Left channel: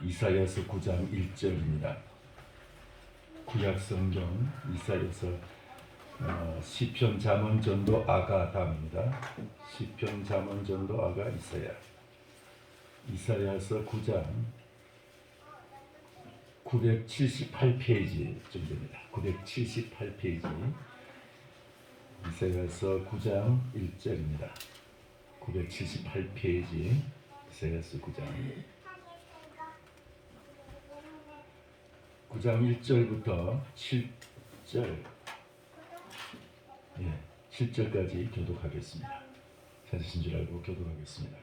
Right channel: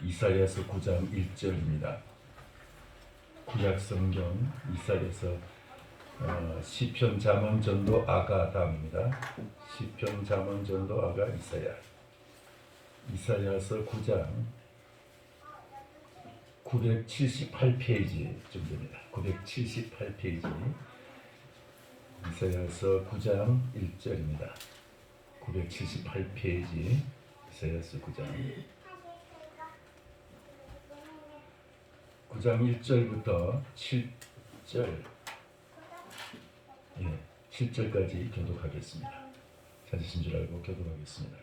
이사야서 9장 1절입니다. 구약 성경 이사야서 시편 잠언 전도 아가 다음입니다. 시편 잠언 전도 아가 이사야서 9장 978페이지 정도입니다. 978페이지 이사야서 9장 1절입니다. 978페이지 이사야서 9장 1절부터 7절까지 교독하겠습니다. 찾으신 줄 알고 교독하겠습니다.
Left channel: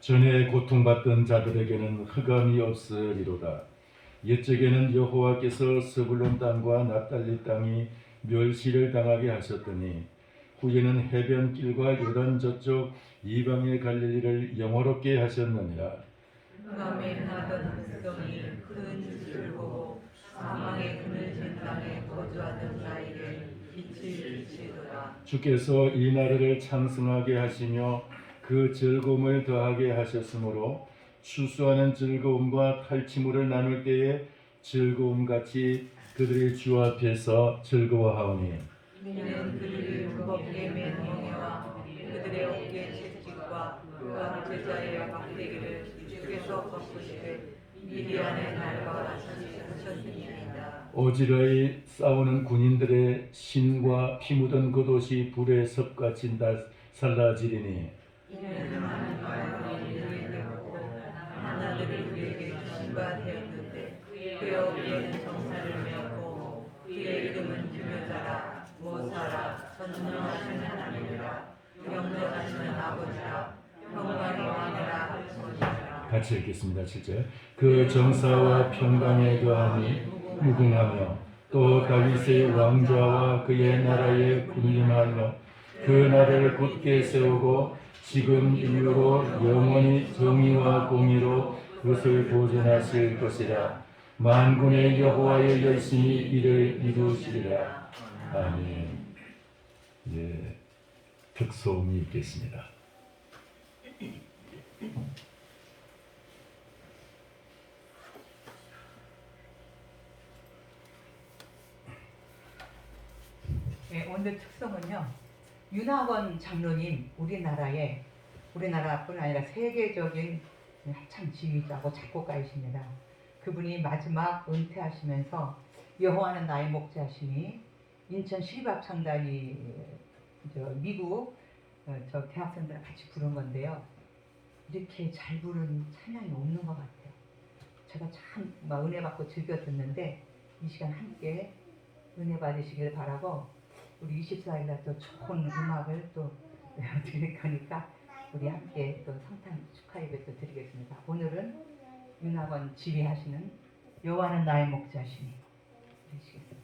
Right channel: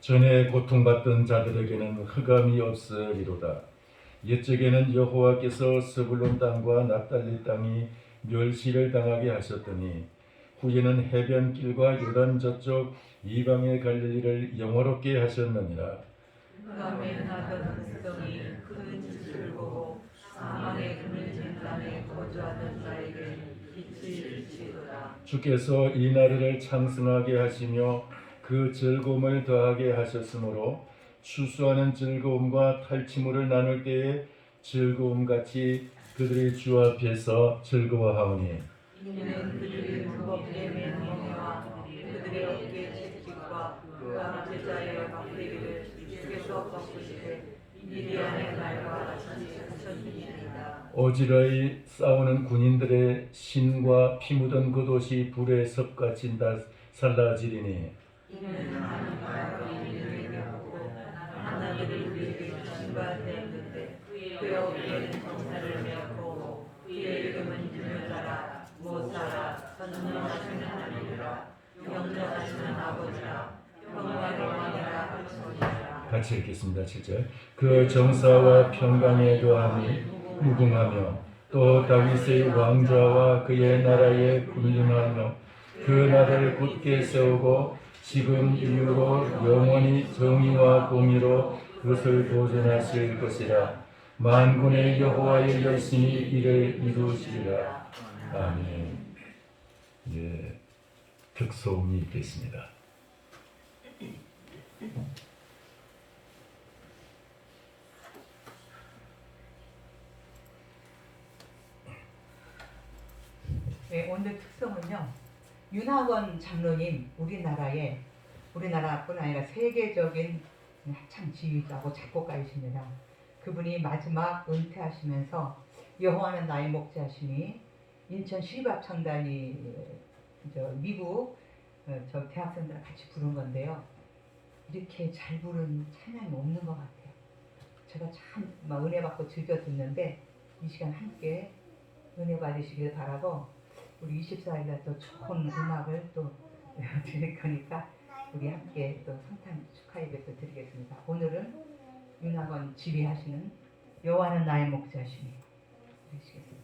전에 고통받던 자들에게는 흑암이 없으리로다. 옛적에는 여호와께서 스불론 땅과 납달리 땅이 멸시를 당하게 하셨더니 후에는 해변길과 요단 저쪽 이방의 갈릴리를 영화롭게 하셨느니라. 흑암에 나던 백성이 큰 빛을 보고 사망의 그늘 전단에 거주하던 자에게 빛이 비치더라. 주께서 이 나라를 창승하게 하시며 그 즐거움을 더하게 하셨으므로 추수하는 즐거움과 탈취물을 나눌 때에 즐거움같이 그들의 주 앞에서 즐거워하오니 이는 그들이 무겁게 맨 멍에와 그들의 어깨 채찍과 그 앞에 자의 막대기를 주께서 꺾으시되 미디안의 날과 같이 하셨습니다. 오지라이 싸우는 군인들의 신과 피 묻은 겉옷이 불에 섭같이 살라지리니 이는 하나님과 우리를 보고 하나님을 우리에게 신과 대했는데 그의 어깨에는 정사를 메었고 그의 이름은 유명자라 모사라 전능하시는 하나님이라 영원하시는 아버지라 평강의 왕이라 하시니라. 같이 읽겠습니다. 7절. 그 정사와 평강에 거함이 무궁하며 또 다윗의 왕좌와 그의 나라에 군림하며 그 나라를 굳게 세우고 지금 이후로 영원히 정의와 공의로 그것을 보존하실 것이라. 만군의 여호와의 열심히 이를 이루시리라. 아멘. 특소음이 있겠습니다. 오늘 특성은요. 윤학원 장로님 우리나라뿐 아니라 세계적인 합창 지휘자고 작곡가이십니다. 그분이 마지막 은퇴하시면서 여호와는 나의 목자심이 인천 시립합창단이 미국 저 대학생들랑 같이 부른 건데요. 이렇게 잘 부른 찬양이 없는 것 같아요. 제가 참 은혜 받고 즐겨 듣는데 이 시간 함께 은혜 받으시길 바라고 우리 24일날 또 좋은 음악을 또 드릴 거니까 우리 함께 또 성탄 축하 예배 또 드리겠습니다. 오늘은 윤학원 지휘하시는 여호와는 나의 목자시니 드리시겠습니다.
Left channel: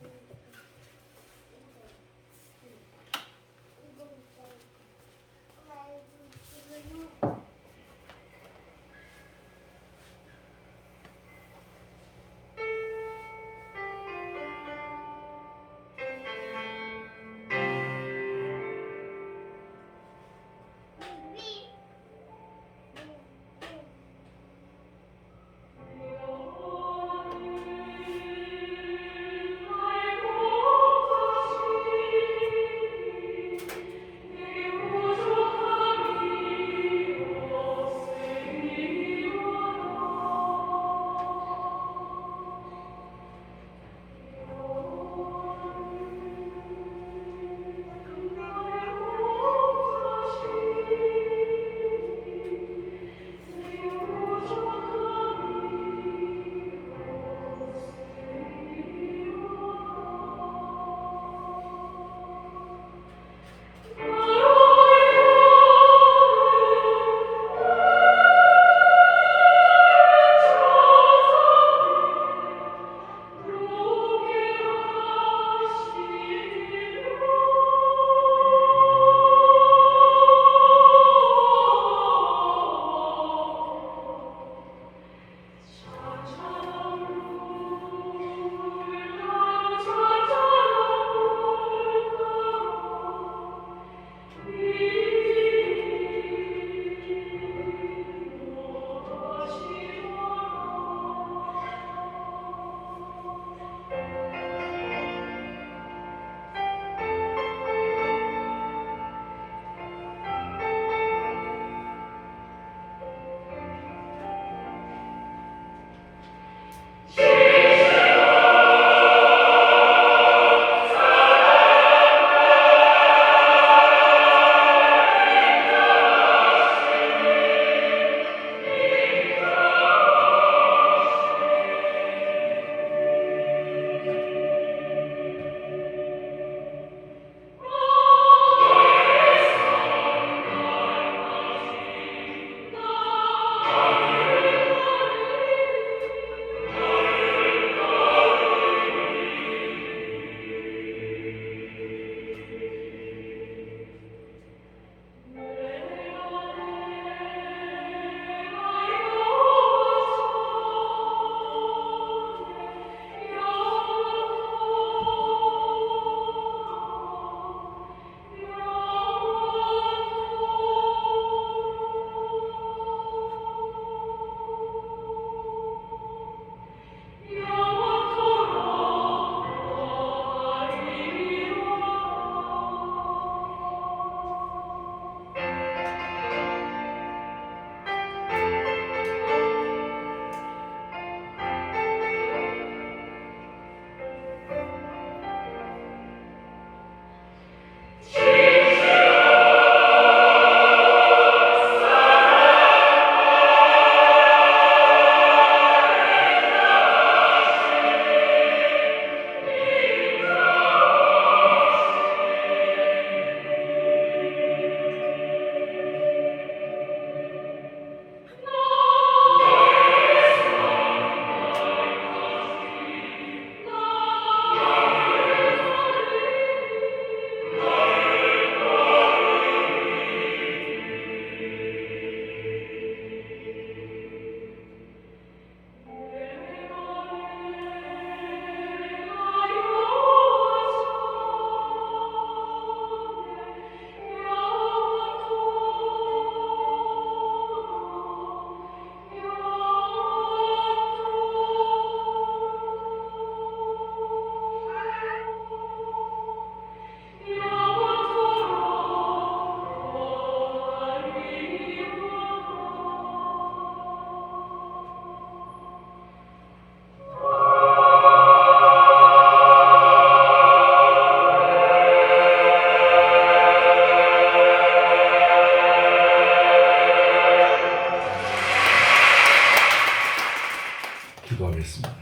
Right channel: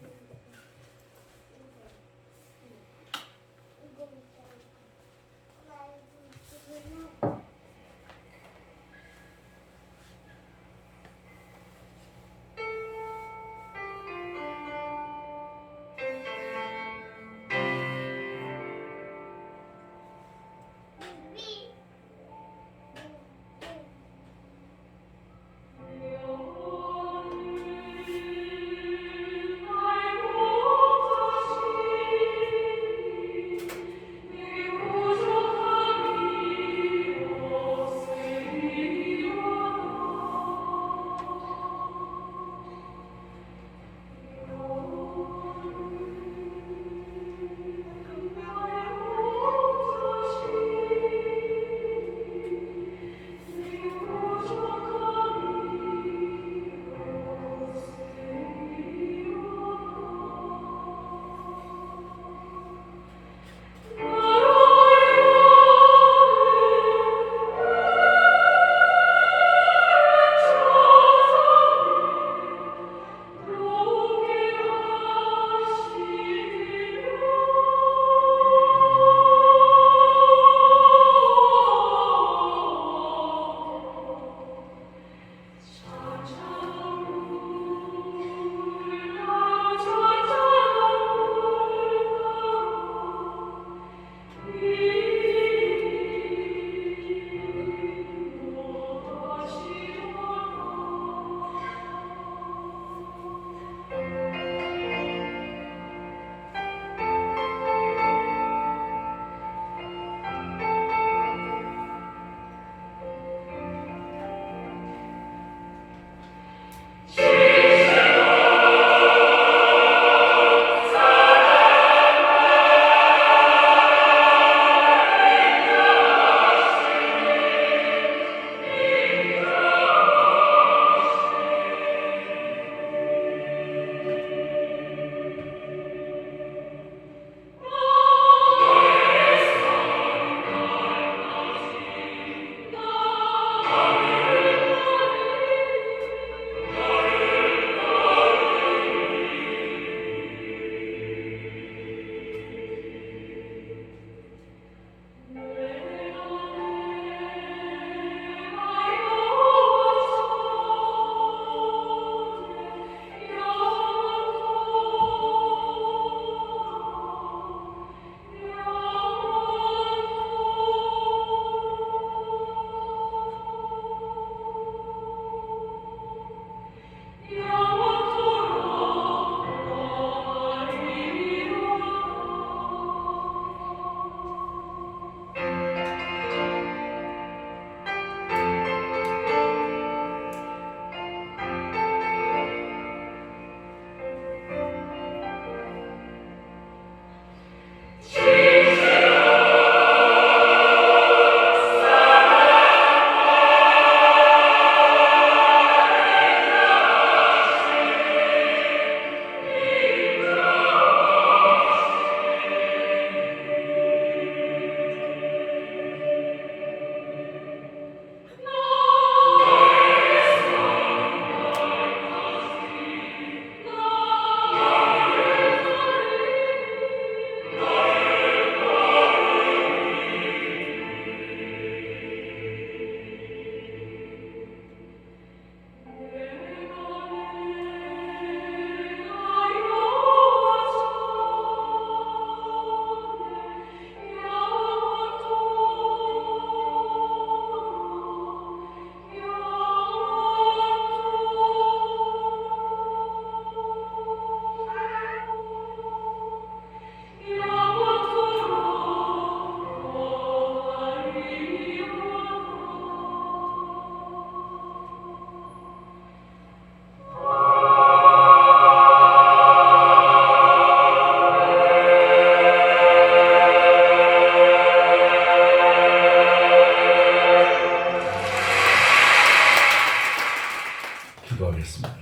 기도하겠습니다.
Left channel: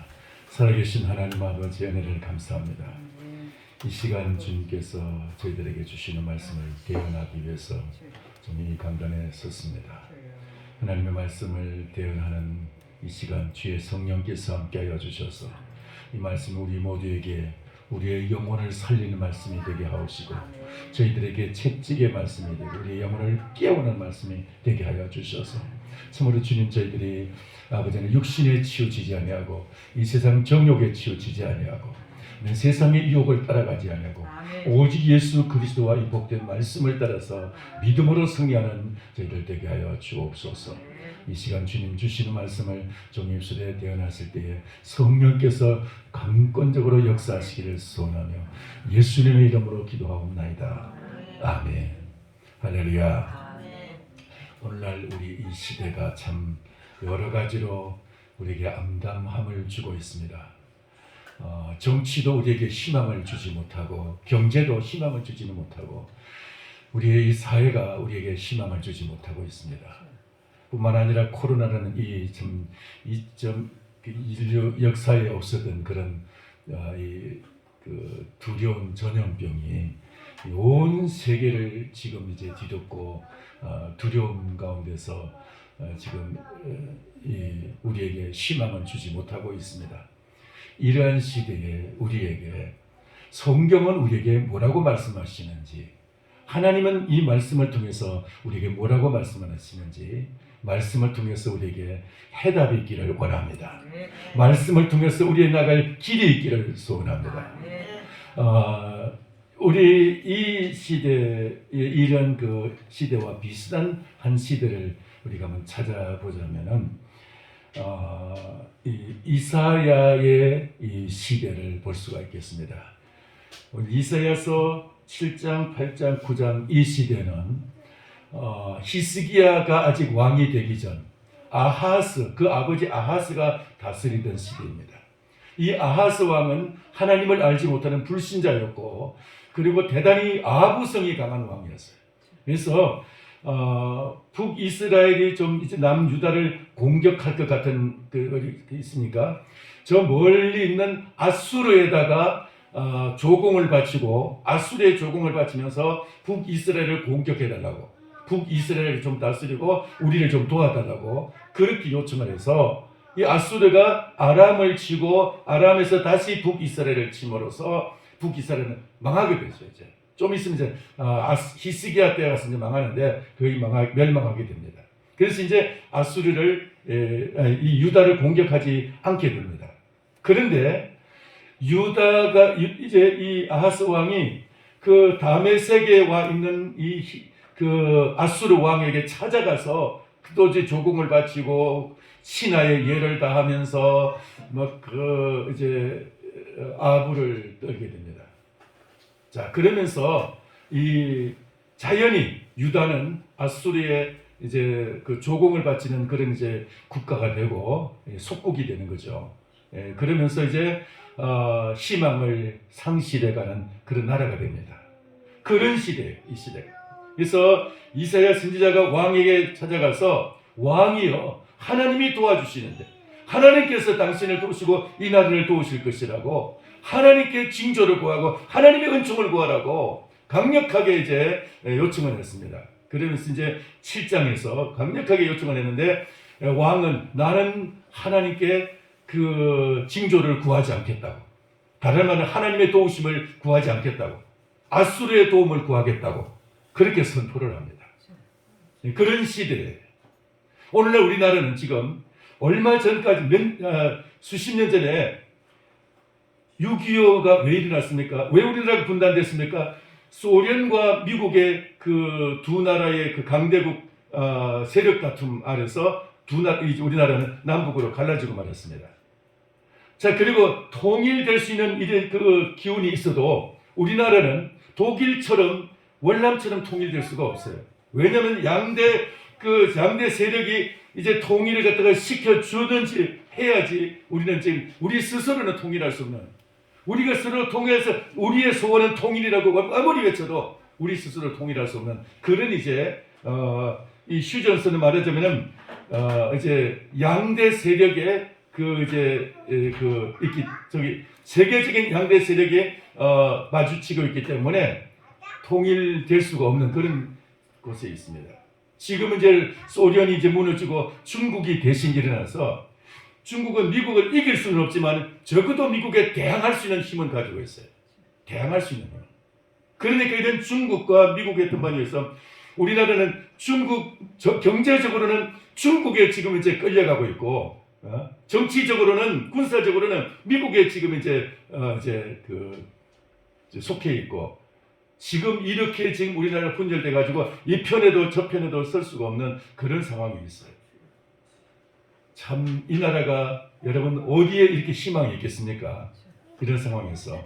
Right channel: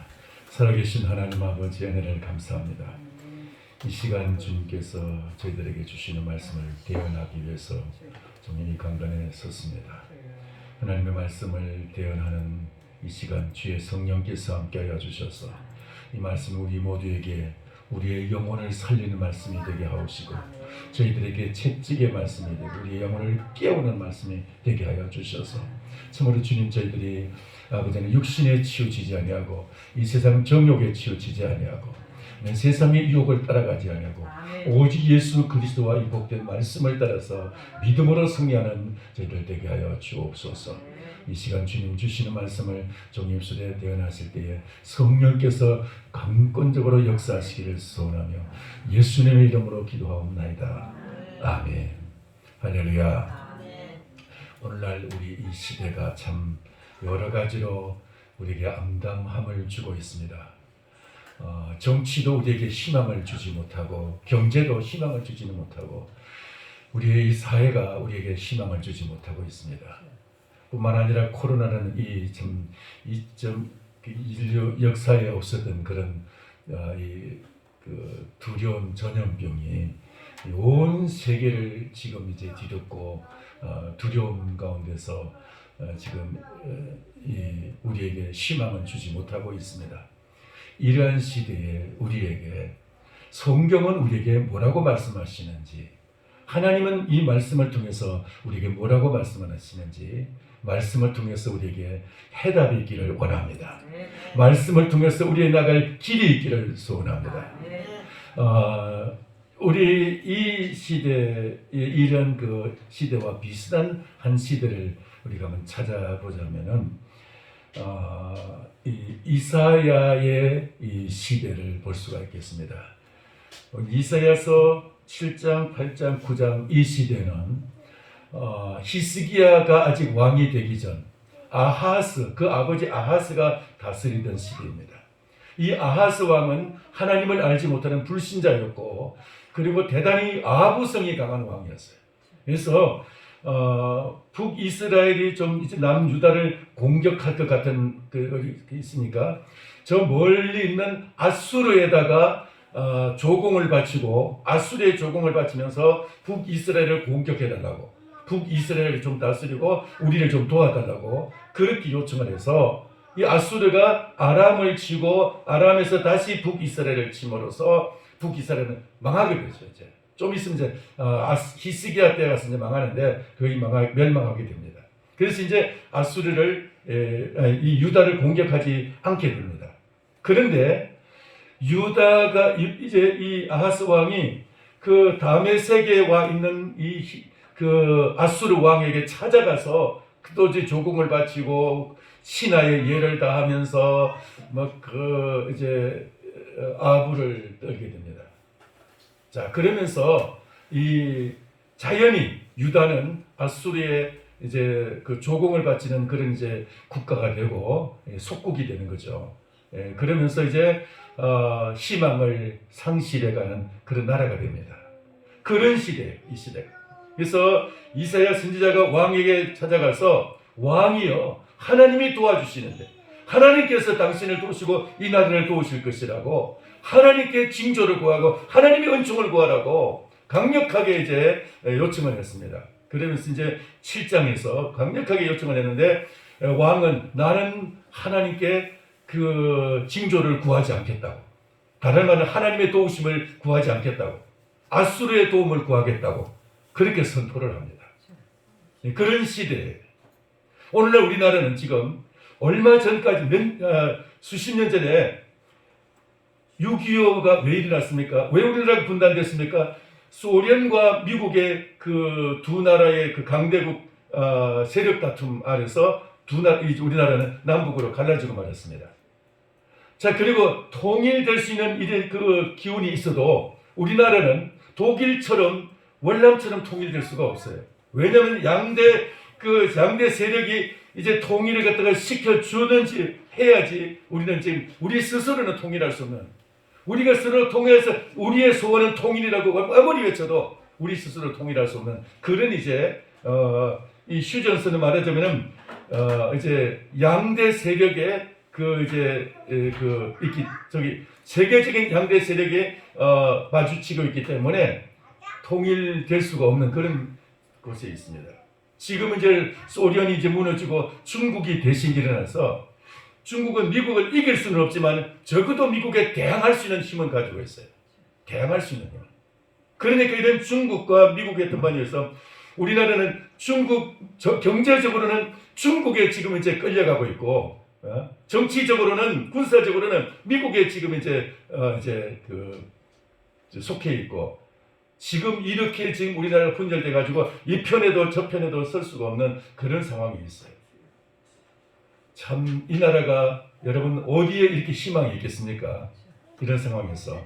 살아계신 하나님 아버지 은혜를 감사합니다. 이 시간 주님께서 저희들에게 주시는 말씀을 대언하기 위해서 좀 이 강단에 섰습니다. 하나님의 말씀을 대언하는 이 시간 주의 성령께서 함께하여 주셔서 이 말씀이 우리 모두에게 우리의 영혼을 살리는 말씀이 되게 하옵시고 저희들에게 채찍의 말씀이 되고 우리의 영혼을 깨우는 말씀이 되게 하여 주셔서 참으로 주님 저희들이 아버지는 육신에 치우치지 아니하고 이 세상 정욕에 치우치지 아니하고 세상의 유혹을 따라가지 아니하고 오직 예수 그리스도와 이 복된 말씀을 따라서 믿음으로 승리하는 저희들 되게 하여 주옵소서. 이 시간 주님 주시는 말씀을 종의 입술에 대언하실 때에 성령께서 강권적으로 역사하시기를 소원하며 예수님의 이름으로 기도하옵나이다. 아멘. 할렐루야. 오늘날 우리 이 시대가 참 여러 가지로 우리에게 암담함을 주고 있습니다. 정치도 우리에게 희망을 주지 못하고 경제도 희망을 주지는 못하고 우리의 이 사회가 우리에게 희망을 주지 못하고 있습니다. 뿐만 아니라 코로나라는 인류 역사에 없었던 그런 그 두려운 전염병이 온 세계를 지금 이제 뒤덮고 두려움 가운데서 지금 우리에게 희망을 주지 못하고 있습니다. 이러한 시대에 우리에게 성경은 우리에게 뭐라고 말씀하시는지 하나님은 이 말씀을 통해서 우리에게 뭐라고 말씀하시는지 말씀을 통해서 우리에게 해답이 있기를 원합니다. 말씀을 통해서 우리의 나갈 길이 있기를 소원합니다. 우리 이 시대에 이런 그 시대와 비슷한 한 시대를 우리가 한번 찾아보자면은 이사야의 이 시대를 볼 수가 있겠습니다. 이사야서 7장, 8장, 9장 이 시대는 히스기야가 아직 왕이 되기 전 아하스, 그 아버지 아하스가 다스리던 시대입니다. 이 아하스 왕은 하나님을 알지 못하는 불신자였고 그리고 대단히 아부성이 강한 왕이었어요. 그래서 북이스라엘이 좀 이제 남유다를 공격할 것 같은 그 있으니까 저 멀리 있는 아수르에다가 조공을 바치고 아수르의 조공을 바치면서 북이스라엘을 공격해달라고 북이스라엘을 좀 다스리고 우리를 좀 도와달라고 그렇게 요청을 해서 이 아수르가 아람을 치고 아람에서 다시 북이스라엘을 침으로써 북이스라엘은 망하게 됐어요. 이제. 좀 있으면 이제 히스기야 때가 가서 이제 망하는데 거의 멸망하게 됩니다. 그래서 이제 아수르를 이 유다를 공격하지 않게 됩니다. 그런데 유다가 이제 이 아하스 왕이 그 다메섹에 와 있는 그 아수르 왕에게 찾아가서 또 이제 조공을 바치고 신하의 예를 다하면서 이제 아부를 떨게 됩니다. 자, 그러면서 이 자연히 유다는 아수르의 이제 그 조공을 바치는 그런 이제 국가가 되고 속국이 되는 거죠. 그러면서 이제 희망을 상실해가는 그런 나라가 됩니다. 그런 시대예요, 이 시대가. 그래서 이사야 선지자가 왕에게 찾아가서 왕이여 하나님이 도와주시는데 하나님께서 당신을 도우시고 이 나라를 도우실 것이라고 하나님께 징조를 구하고 하나님의 은총을 구하라고 강력하게 이제 요청을 했습니다. 그러면서 이제 7장에서 강력하게 요청을 했는데 왕은 나는 하나님께 그 징조를 구하지 않겠다고 다른 말은 하나님의 도우심을 구하지 않겠다고 아수르의 도움을 구하겠다고 그렇게 선포를 합니다. 그런 시대에 오늘날 우리나라는 지금 얼마 전까지 수십 년 전에 6.25가 왜 일어났습니까? 왜 우리나라가 분단됐습니까? 소련과 미국의 그 두 나라의 그 강대국 세력 다툼 아래서 우리나라는 남북으로 갈라지고 말았습니다. 자, 그리고 통일될 수 있는 이런 그 기운이 있어도 우리나라는 독일처럼 월남처럼 통일될 수가 없어요. 왜냐하면 양대 세력이 이제 통일을 갖다가 시켜주든지 해야지 우리는 지금 우리 스스로는 통일할 수 없는 우리가 스스로 통일해서 우리의 소원은 통일이라고 아무리 외쳐도 우리 스스로 통일할 수 없는 그런 이제 이 휴전선을 말하자면은 이제 양대 세력의 세계적인 양대 세력이 마주치고 있기 때문에 통일될 수가 없는 그런 곳에 있습니다. 지금은 이제 소련이 이제 무너지고 중국이 대신 일어나서 중국은 미국을 이길 수는 없지만 적어도 미국에 대항할 수 있는 힘은 가지고 있어요. 대항할 수 있는 힘. 그러니까 이런 중국과 미국의 등반이어서 우리나라는 경제적으로는 중국에 지금 이제 끌려가고 있고, 정치적으로는 군사적으로는 미국에 지금 이제 속해 있고, 지금 이렇게 지금 우리나라가 분열돼 가지고 이 편에도 저 편에도 설 수가 없는 그런 상황이 있어요. 참 이 나라가 여러분 어디에 이렇게 희망이 있겠습니까? 이런 상황에서.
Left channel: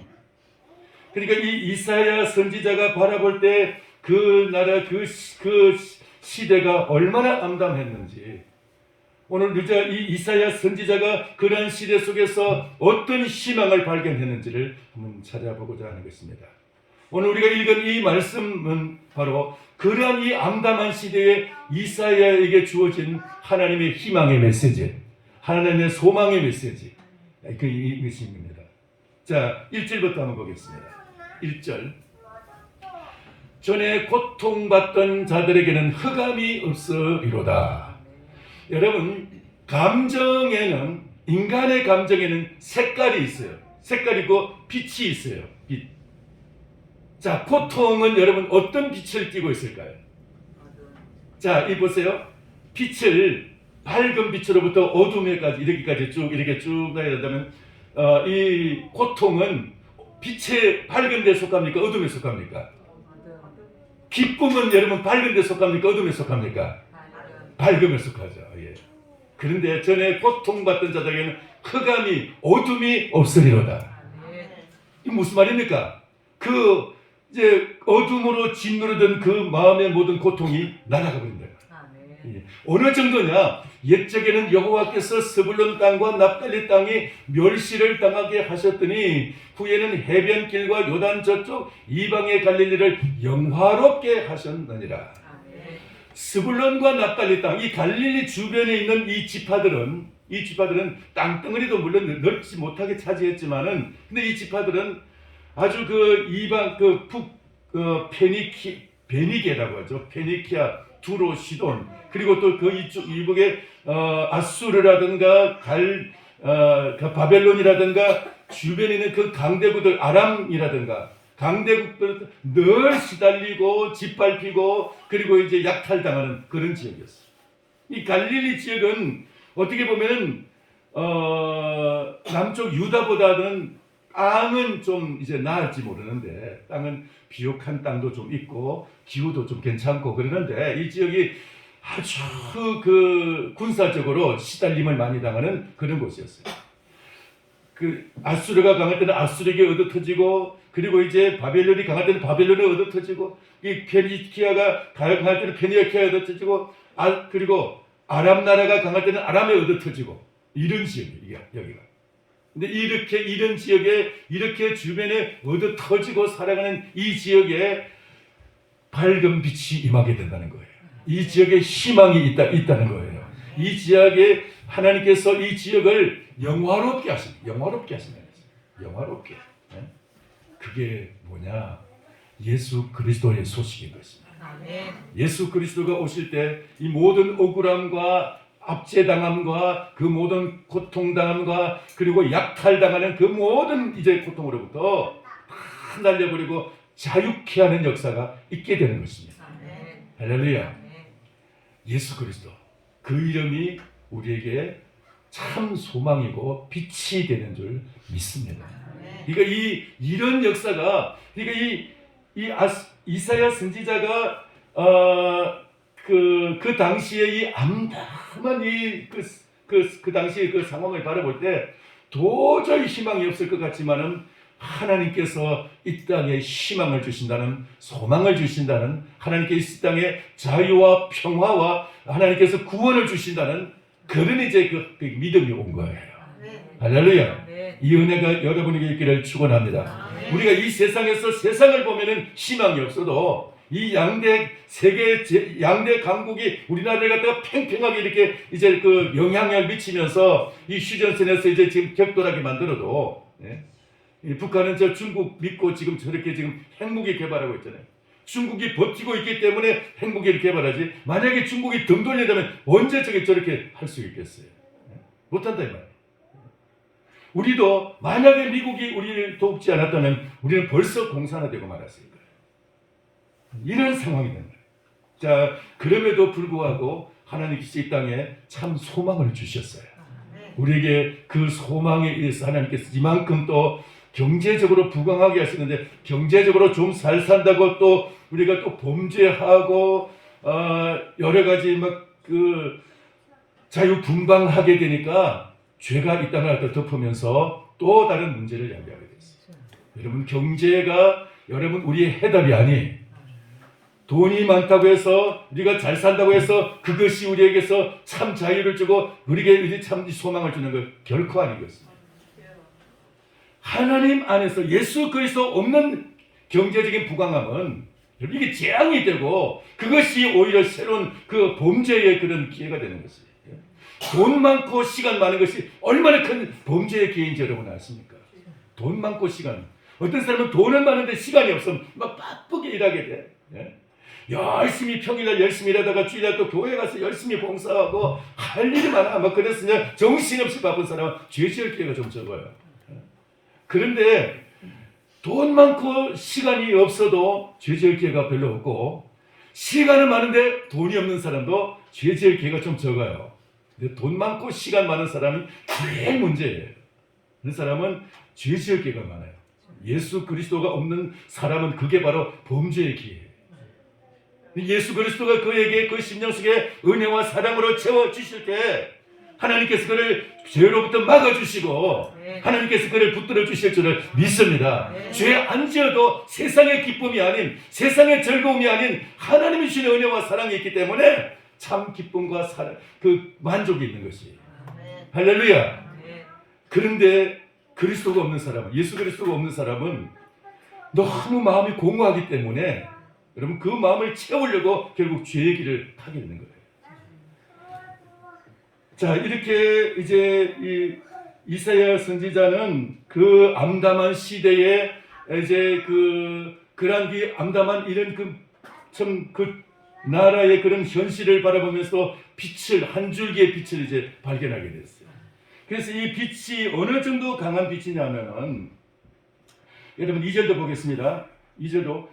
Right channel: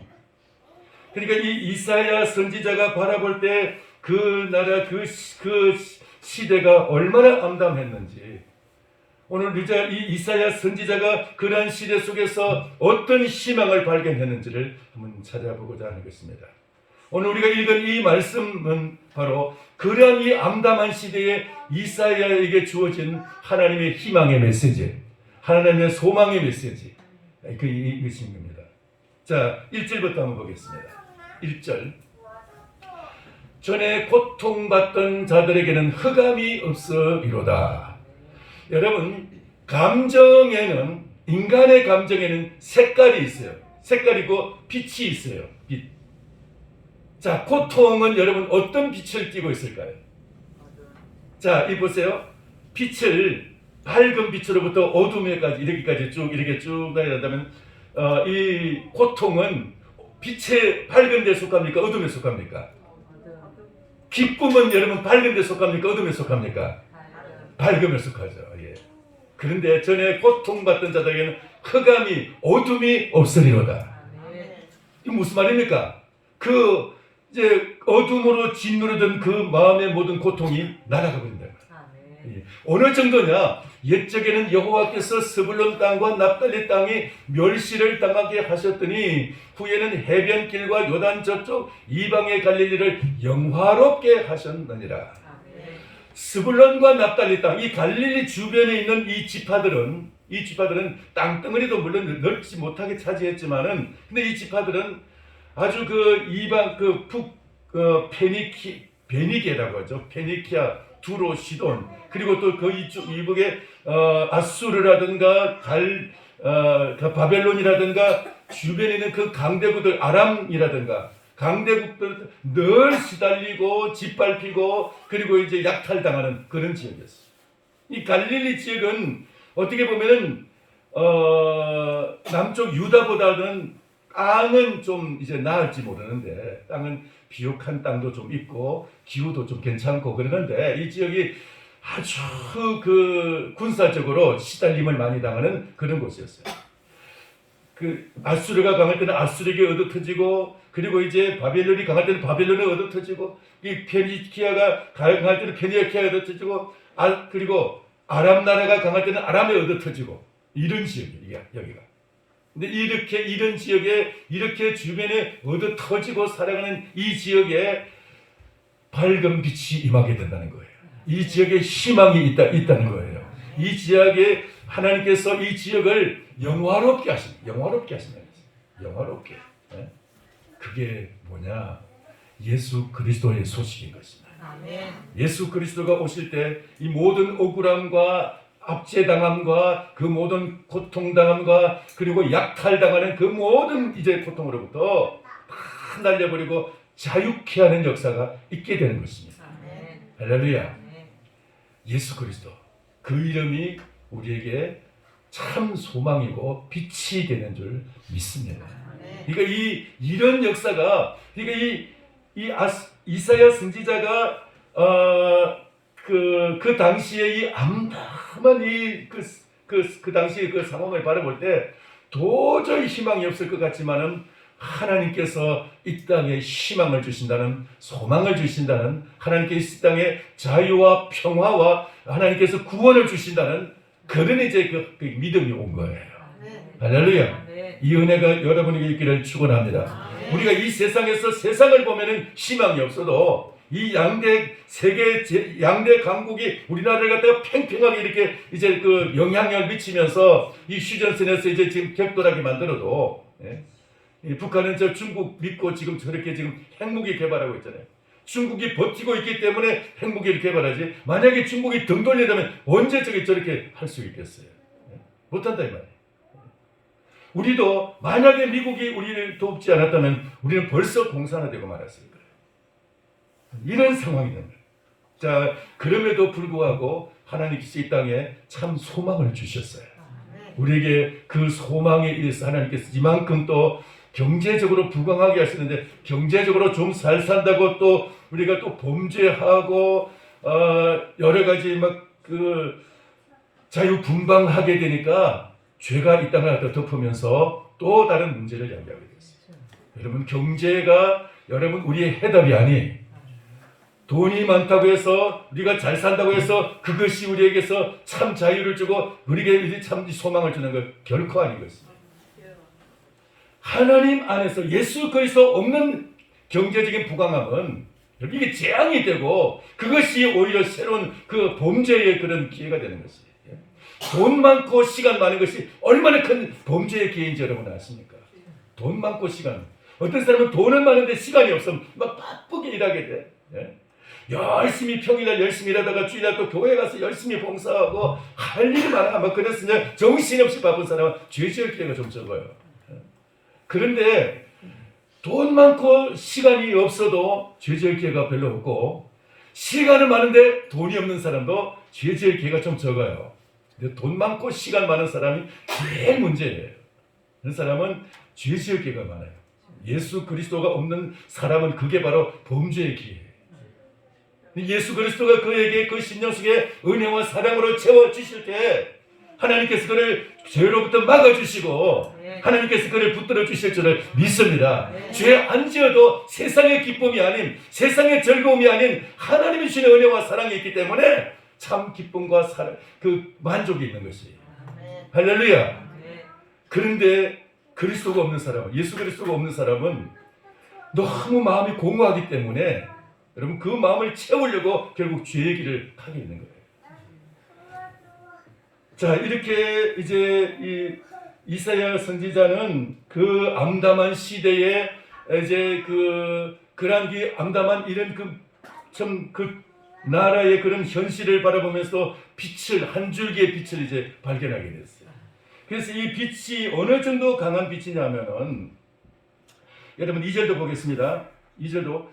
그러니까 이 이사야 선지자가 바라볼 때 그 나라 그 시대가 얼마나 암담했는지, 오늘 이 이사야 선지자가 그러한 시대 속에서 어떤 희망을 발견했는지를 한번 찾아보고자 하는 것입니다. 오늘 우리가 읽은 이 말씀은 바로 그러한 이 암담한 시대에 이사야에게 주어진 하나님의 희망의 메시지, 하나님의 소망의 메시지, 이것이 있습니다. 자, 1절부터 한번 보겠습니다. 1절. 전에 고통받던 자들에게는 흑암이 없으리로다. 여러분, 감정에는, 인간의 감정에는 색깔이 있어요. 색깔이고 빛이 있어요. 빛. 자, 고통은 여러분 어떤 빛을 띠고 있을까요? 자, 이 보세요. 빛을 밝은 빛으로부터 어둠에까지 이렇게 쭉 가야 된다면 이 고통은 빛의 밝은 데 속합니까? 어둠에 속합니까? 기쁨은 여러분 밝은 데 속합니까? 어둠에 속합니까? 밝음에 속하죠. 예. 그런데 전에 고통받던 자들에게는 흑암이, 어둠이 없으리로다. 이 무슨 말입니까? 이제 어둠으로 짓누르던 그 마음의 모든 고통이 날아가 버린다. 예. 어느 정도냐? 옛적에는 여호와께서 스불론 땅과 납달리 땅이 멸시를 당하게 하셨더니 후에는 해변길과 요단 저쪽 이방의 갈릴리를 영화롭게 하셨느니라. 스불론과 납달리 땅, 이 갈릴리 주변에 있는 이 지파들은 땅덩어리도 물론 넓지 못하게 차지했지만은, 근데 이 지파들은 아주 베니게라고 하죠. 페니키아, 두로, 시돈, 그리고 또 그 이북에 아수르라든가 바벨론이라든가 주변에 있는 그 강대국들, 아람이라든가 강대국들 늘 시달리고 짓밟히고 그리고 이제 약탈당하는 그런 지역이었어요. 이 갈릴리 지역은 어떻게 보면은 남쪽 유다보다는 땅은 좀 이제 나을지 모르는데, 땅은 비옥한 땅도 좀 있고 기후도 좀 괜찮고 그러는데, 이 지역이 아주 군사적으로 시달림을 많이 당하는 그런 곳이었어요. 아수르가 강할 때는 아수르에게 얻어터지고, 그리고 이제 바벨론이 강할 때는 바벨론에 얻어터지고, 이 페니키아가 강할 때는 페니키아에 얻어터지고, 그리고 아람 나라가 강할 때는 아람에 얻어터지고, 이런 지역이에요, 여기가. 근데 이런 지역에 이렇게 주변에 얻어터지고 살아가는 이 지역에 밝은 빛이 임하게 된다는 거예요. 이 지역에 희망이 있다는 거예요. 이 지역에 하나님께서 이 지역을 영화롭게 하신다는 거예요. 영화롭게. 네? 그게 뭐냐? 예수 그리스도의 소식인 것입니다. 예수 그리스도가 오실 때 이 모든 억울함과 압제당함과 그 모든 고통당함과 그리고 약탈당하는 그 모든 이제 고통으로부터 다 날려버리고 자유케 하는 역사가 있게 되는 것입니다. 할렐루야. 예수 그리스도, 그 이름이 우리에게 참 소망이고 빛이 되는 줄 믿습니다. 그러니까 이런 역사가, 그러니까 이사야 선지자가 그 당시에 이 암담한 그 당시의 그 상황을 바라볼 때 도저히 희망이 없을 것 같지만은, 하나님께서 이 땅에 희망을 주신다는, 소망을 주신다는, 하나님께서 이 땅에 자유와 평화와 하나님께서 구원을 주신다는 그런 이제 그 믿음이 온 거예요. 할렐루야. 이 은혜가 여러분에게 있기를 축원합니다. 우리가 이 세상에서 세상을 보면은 희망이 없어도 이 양대 세계 양대 강국이 우리나라를 갖다가 팽팽하게 이렇게 이제 그 영향력을 미치면서 이 휴전선에서 이제 지금 격돌하게 만들어도 예? 이 북한은 저 중국 믿고 지금 저렇게 지금 핵무기 개발하고 있잖아요. 중국이 버티고 있기 때문에 핵무기를 개발하지. 만약에 중국이 등 돌린다면 언제 저렇게 할 수 있겠어요? 예? 못한다 이 말이에요. 우리도 만약에 미국이 우리를 돕지 않았다면 우리는 벌써 공산화되고 말았을 거예요. 이런 상황이 된 거예요. 자, 그럼에도 불구하고 하나님께서 이 땅에 참 소망을 주셨어요. 우리에게 그 소망에 의해서 하나님께서 이만큼 또 경제적으로 부강하게 하시는데, 경제적으로 좀 잘 산다고 또 우리가 또 범죄하고 여러 가지 막 그 자유분방하게 되니까 죄가 이 땅을 갖다 덮으면서 또 다른 문제를 야기하게 됐어요. 여러분, 경제가 여러분 우리의 해답이 아니에요. 돈이 많다고 해서 우리가 잘 산다고 해서 그것이 우리에게서 참 자유를 주고 우리에게 참 소망을 주는 것 결코 아닌 것입니다. 하나님 안에서 예수 그리스도 없는 경제적인 부강함은 이게 재앙이 되고 그것이 오히려 새로운 그 범죄의 그런 기회가 되는 것이에요. 돈 많고 시간 많은 것이 얼마나 큰 범죄의 기회인지 여러분 아십니까? 돈 많고 시간. 어떤 사람은 돈은 많은데 시간이 없으면 막 바쁘게 일하게 돼. 예? 열심히 평일날 열심히 일하다가 주일날 또 교회 가서 열심히 봉사하고 할 일이 많아. 뭐 그래서 정신없이 바쁜 사람은 죄 지을 기회가 좀 적어요. 그런데 돈 많고 시간이 없어도 죄 지을 기회가 별로 없고, 시간은 많은데 돈이 없는 사람도 죄 지을 기회가 좀 적어요. 근데 돈 많고 시간 많은 사람이 제일 문제예요. 그 사람은 죄 지을 기회가 많아요. 예수 그리스도가 없는 사람은 그게 바로 범죄의 기회예요. 예수 그리스도가 그에게 그 심령 속에 은혜와 사랑으로 채워주실 때 하나님께서 그를 죄로부터 막아주시고 하나님께서 그를 붙들어 주실 줄을 믿습니다. 죄 안 지어도 세상의 기쁨이 아닌, 세상의 즐거움이 아닌 하나님이 주시는 은혜와 사랑이 있기 때문에 참 기쁨과 사랑, 그 만족이 있는 것이에요. 할렐루야. 그런데 그리스도가 없는 사람은, 예수 그리스도가 없는 사람은 너무 마음이 공허하기 때문에 여러분 그 마음을 채우려고 결국 죄의 길을 가게 되는 거예요. 자, 이렇게 이제 이 이사야 선지자는 그 암담한 시대에 이제 그러한 암담한 이런 그 나라의 그런 현실을 바라보면서 빛을, 한 줄기의 빛을 이제 발견하게 됐어요. 그래서 이 빛이 어느 정도 강한 빛이냐면은, 여러분 2절도 보겠습니다. 2절도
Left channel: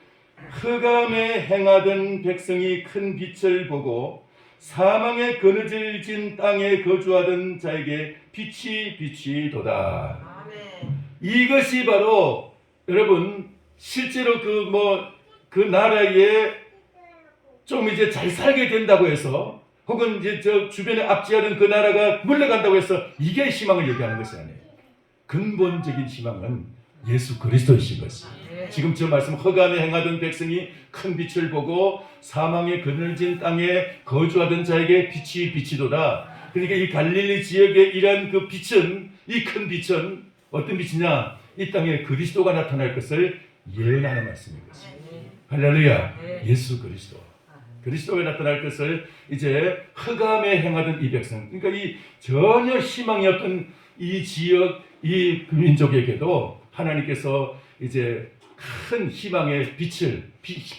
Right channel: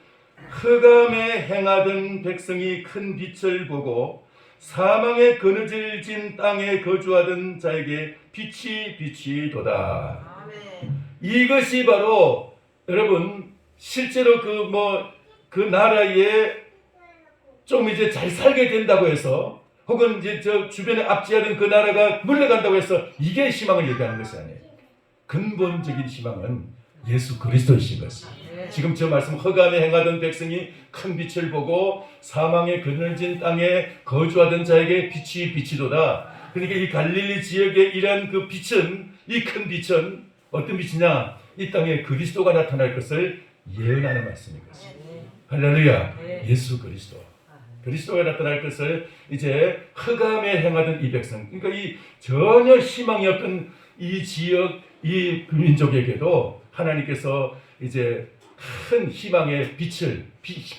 흑암에 행하던 백성이 큰 빛을 보고 사망에 그늘진 땅에 거주하던 자에게 빛이 비치도다. 이것이 바로 여러분 실제로 그 나라에 좀 이제 잘 살게 된다고 해서, 혹은 이제 저 주변에 압제하던 그 나라가 물러간다고 해서 이게 희망을 얘기하는 것이 아니에요. 근본적인 희망은 예수 그리스도이신 것입니다. 지금 저 말씀, 흑암에 행하던 백성이 큰 빛을 보고 사망에 그늘진 땅에 거주하던 자에게 빛이 비치도다. 그러니까 이 갈릴리 지역의 이러한 그 빛은, 이 큰 빛은 어떤 빛이냐? 이 땅에 그리스도가 나타날 것을 예언하는 말씀인 것입니다. 할렐루야. 예수 그리스도. 그리스도가 나타날 것을 이제 흑암에 행하던 이 백성, 그러니까 이 전혀 희망이 없던 이 지역, 이 민족에게도 하나님께서 이제 큰 희망의 빛을,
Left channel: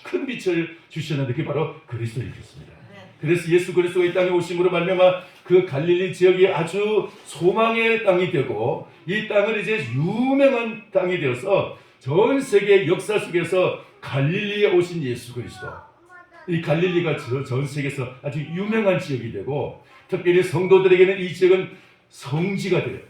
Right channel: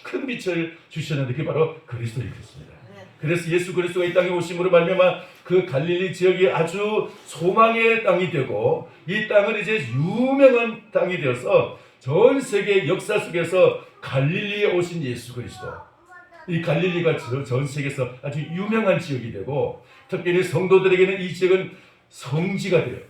큰 빛을 주셨는데 그게 바로 그리스도이셨습니다. 그래서 예수 그리스도가 이 땅에 오심으로 말미암아 그 갈릴리 지역이 아주 소망의 땅이 되고, 이 땅은 이제 유명한 땅이 되어서 전 세계 역사 속에서 갈릴리에 오신 예수 그리스도, 이 갈릴리가 전 세계에서 아주 유명한 지역이 되고, 특별히 성도들에게는 이 지역은 성지가 돼요.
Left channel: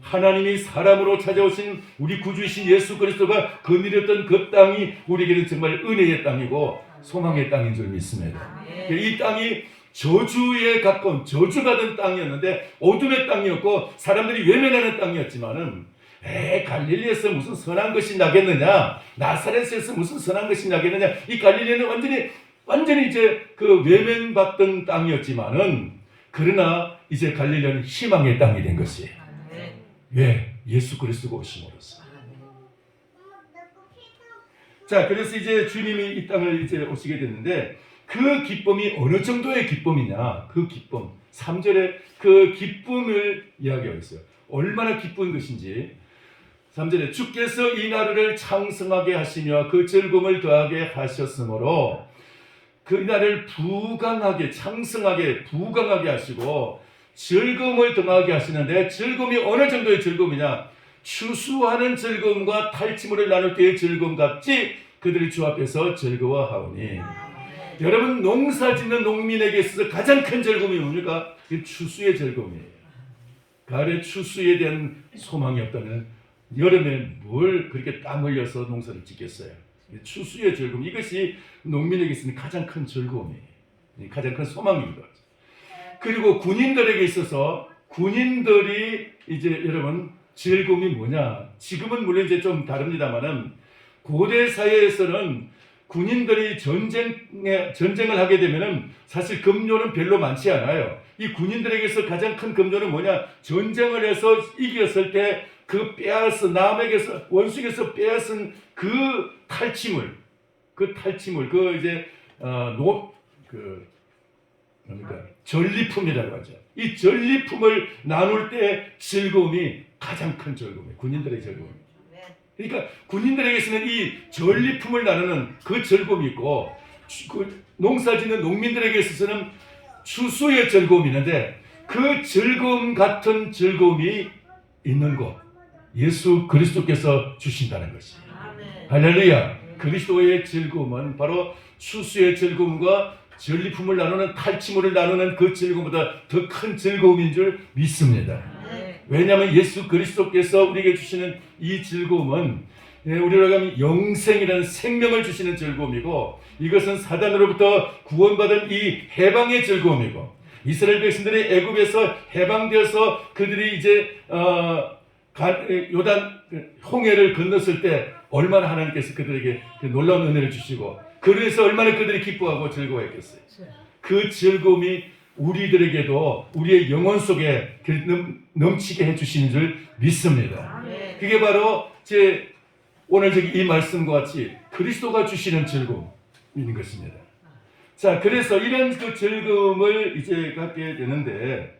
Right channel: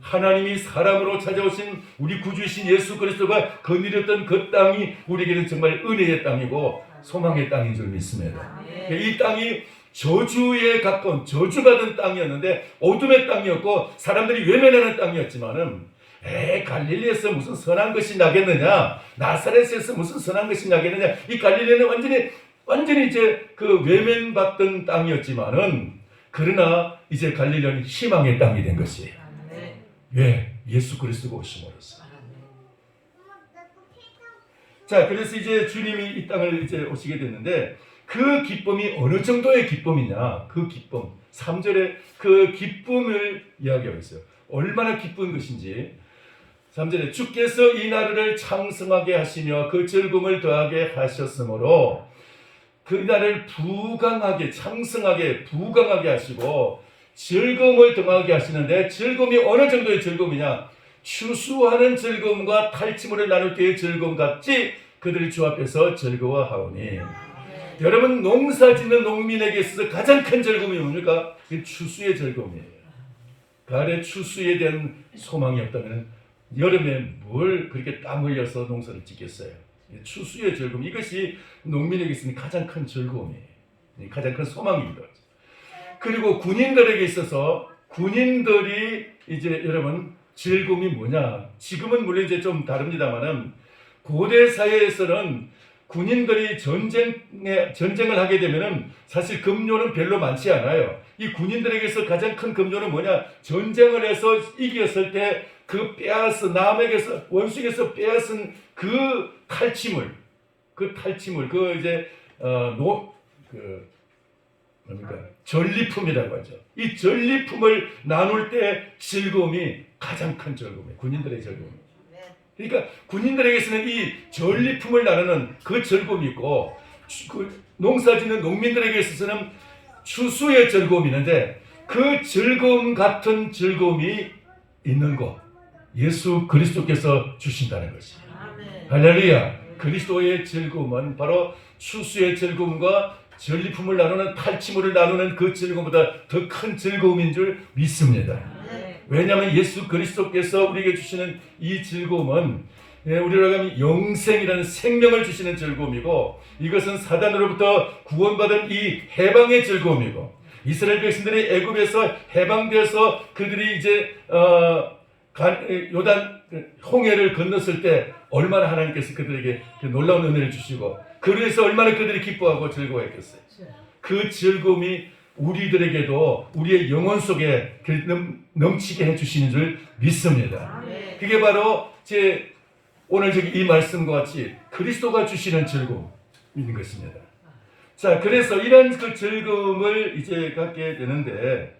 하나님이 사람으로 찾아오신 우리 구주이신 예수 그리스도가 거느렸던 그 땅이 우리에게는 정말 은혜의 땅이고 소망의 땅인 줄 믿습니다. 이 땅이 저주에 가까운, 저주받은 땅이었는데 어둠의 땅이었고 사람들이 외면하는 땅이었지만은, 갈릴리에서 무슨 선한 것이 나겠느냐, 나사렛에서 무슨 선한 것이 나겠느냐, 이 갈릴리는 완전히 이제 그 외면받던 땅이었지만은, 그러나 이제 갈릴리는 희망의 땅이 된 것이에요. 왜? 예수 그리스도가 오심으로써. 자, 그래서 이제 주님이 이 땅을 이제 오시게 됐는데 그 기쁨이 어느 정도의 기쁨이냐? 그 기쁨. 3절에 그 기쁨을 이야기하고 있어요. 얼마나 기쁜 것인지. 3절에 주께서 이 나라를 창성하게 하시며 그 즐거움을 더하게 하셨으므로 그 나라를 부강하게 창성하게 부강하게 하시고 즐거움을 더하게 하시는데 즐거움이 어느 정도의 즐거움이냐? 추수하는 즐거움과 탈취물을 나눌 때의 즐거움 같이 그들이 주 앞에서 즐거워하오니. 여러분, 농사 짓는 농민에게 있어서 가장 큰 즐거움이 뭡니까? 이 추수의 즐거움이에요. 가을에 추수에 대한 소망이 없다면 여름에 뭘 그렇게 땀 흘려서 농사를 짓겠어요? 추수의 즐거움, 이것이 농민에게 있어서 가장 큰 즐거움이에요. 가장 큰 소망입니다. 그리고 군인들에게 있어서 군인들이 이제 여러분 즐거움이 뭐냐? 지금은 물론 이제 좀 다릅니다만은 고대 사회에서는 군인들이 전쟁을 하게 되면은 사실 급료는 별로 많지 않아요. 이 군인들에게서 가장 큰 급료는 뭐냐? 전쟁을 해서 이겼을 때 그 빼앗은 남에게서 원수에게서 빼앗은 그 탈취물, 그 이제 뭡니까? 전리품이라고 하죠. 이 전리품을 나눌 때 즐거움이 가장 큰 즐거움이에요. 군인들의 즐거움이에요. 그러니까 군인들에게서는 이 전리품을 나누는 그 즐거움이 있고 그 농사짓는 농민들에게 있어서는 추수의 즐거움이 있는데 그 즐거움 같은 즐거움이 있는 것, 예수 그리스도께서 주신다는 것이에요. 할렐루야. 그리스도의 즐거움은 바로 추수의 즐거움과 전리품을 나누는 탈취물을 나누는 그 즐거움보다 더 큰 즐거움인 줄 믿습니다. 왜냐하면 예수 그리스도께서 우리에게 주시는 이 즐거움은 우리로 하면 영생이라는 생명을 주시는 즐거움이고 이것은 사단으로부터 구원받은 이 해방의 즐거움이고 이스라엘 백성들이 애굽에서 해방되어서 그들이 이제 요단 홍해를 건넜을 때 얼마나 하나님께서 그들에게 그 놀라운 은혜를 주시고 그래서 얼마나 그들이 기뻐하고 즐거워했겠어요. 그 즐거움이 우리들에게도 우리의 영혼 속에 넘치게 해주시는 줄 믿습니다. 그게 바로 제 오늘 이 말씀과 같이 그리스도가 주시는 즐거움인 것입니다. 자, 그래서 이런 그 즐거움을 이제 갖게 되는데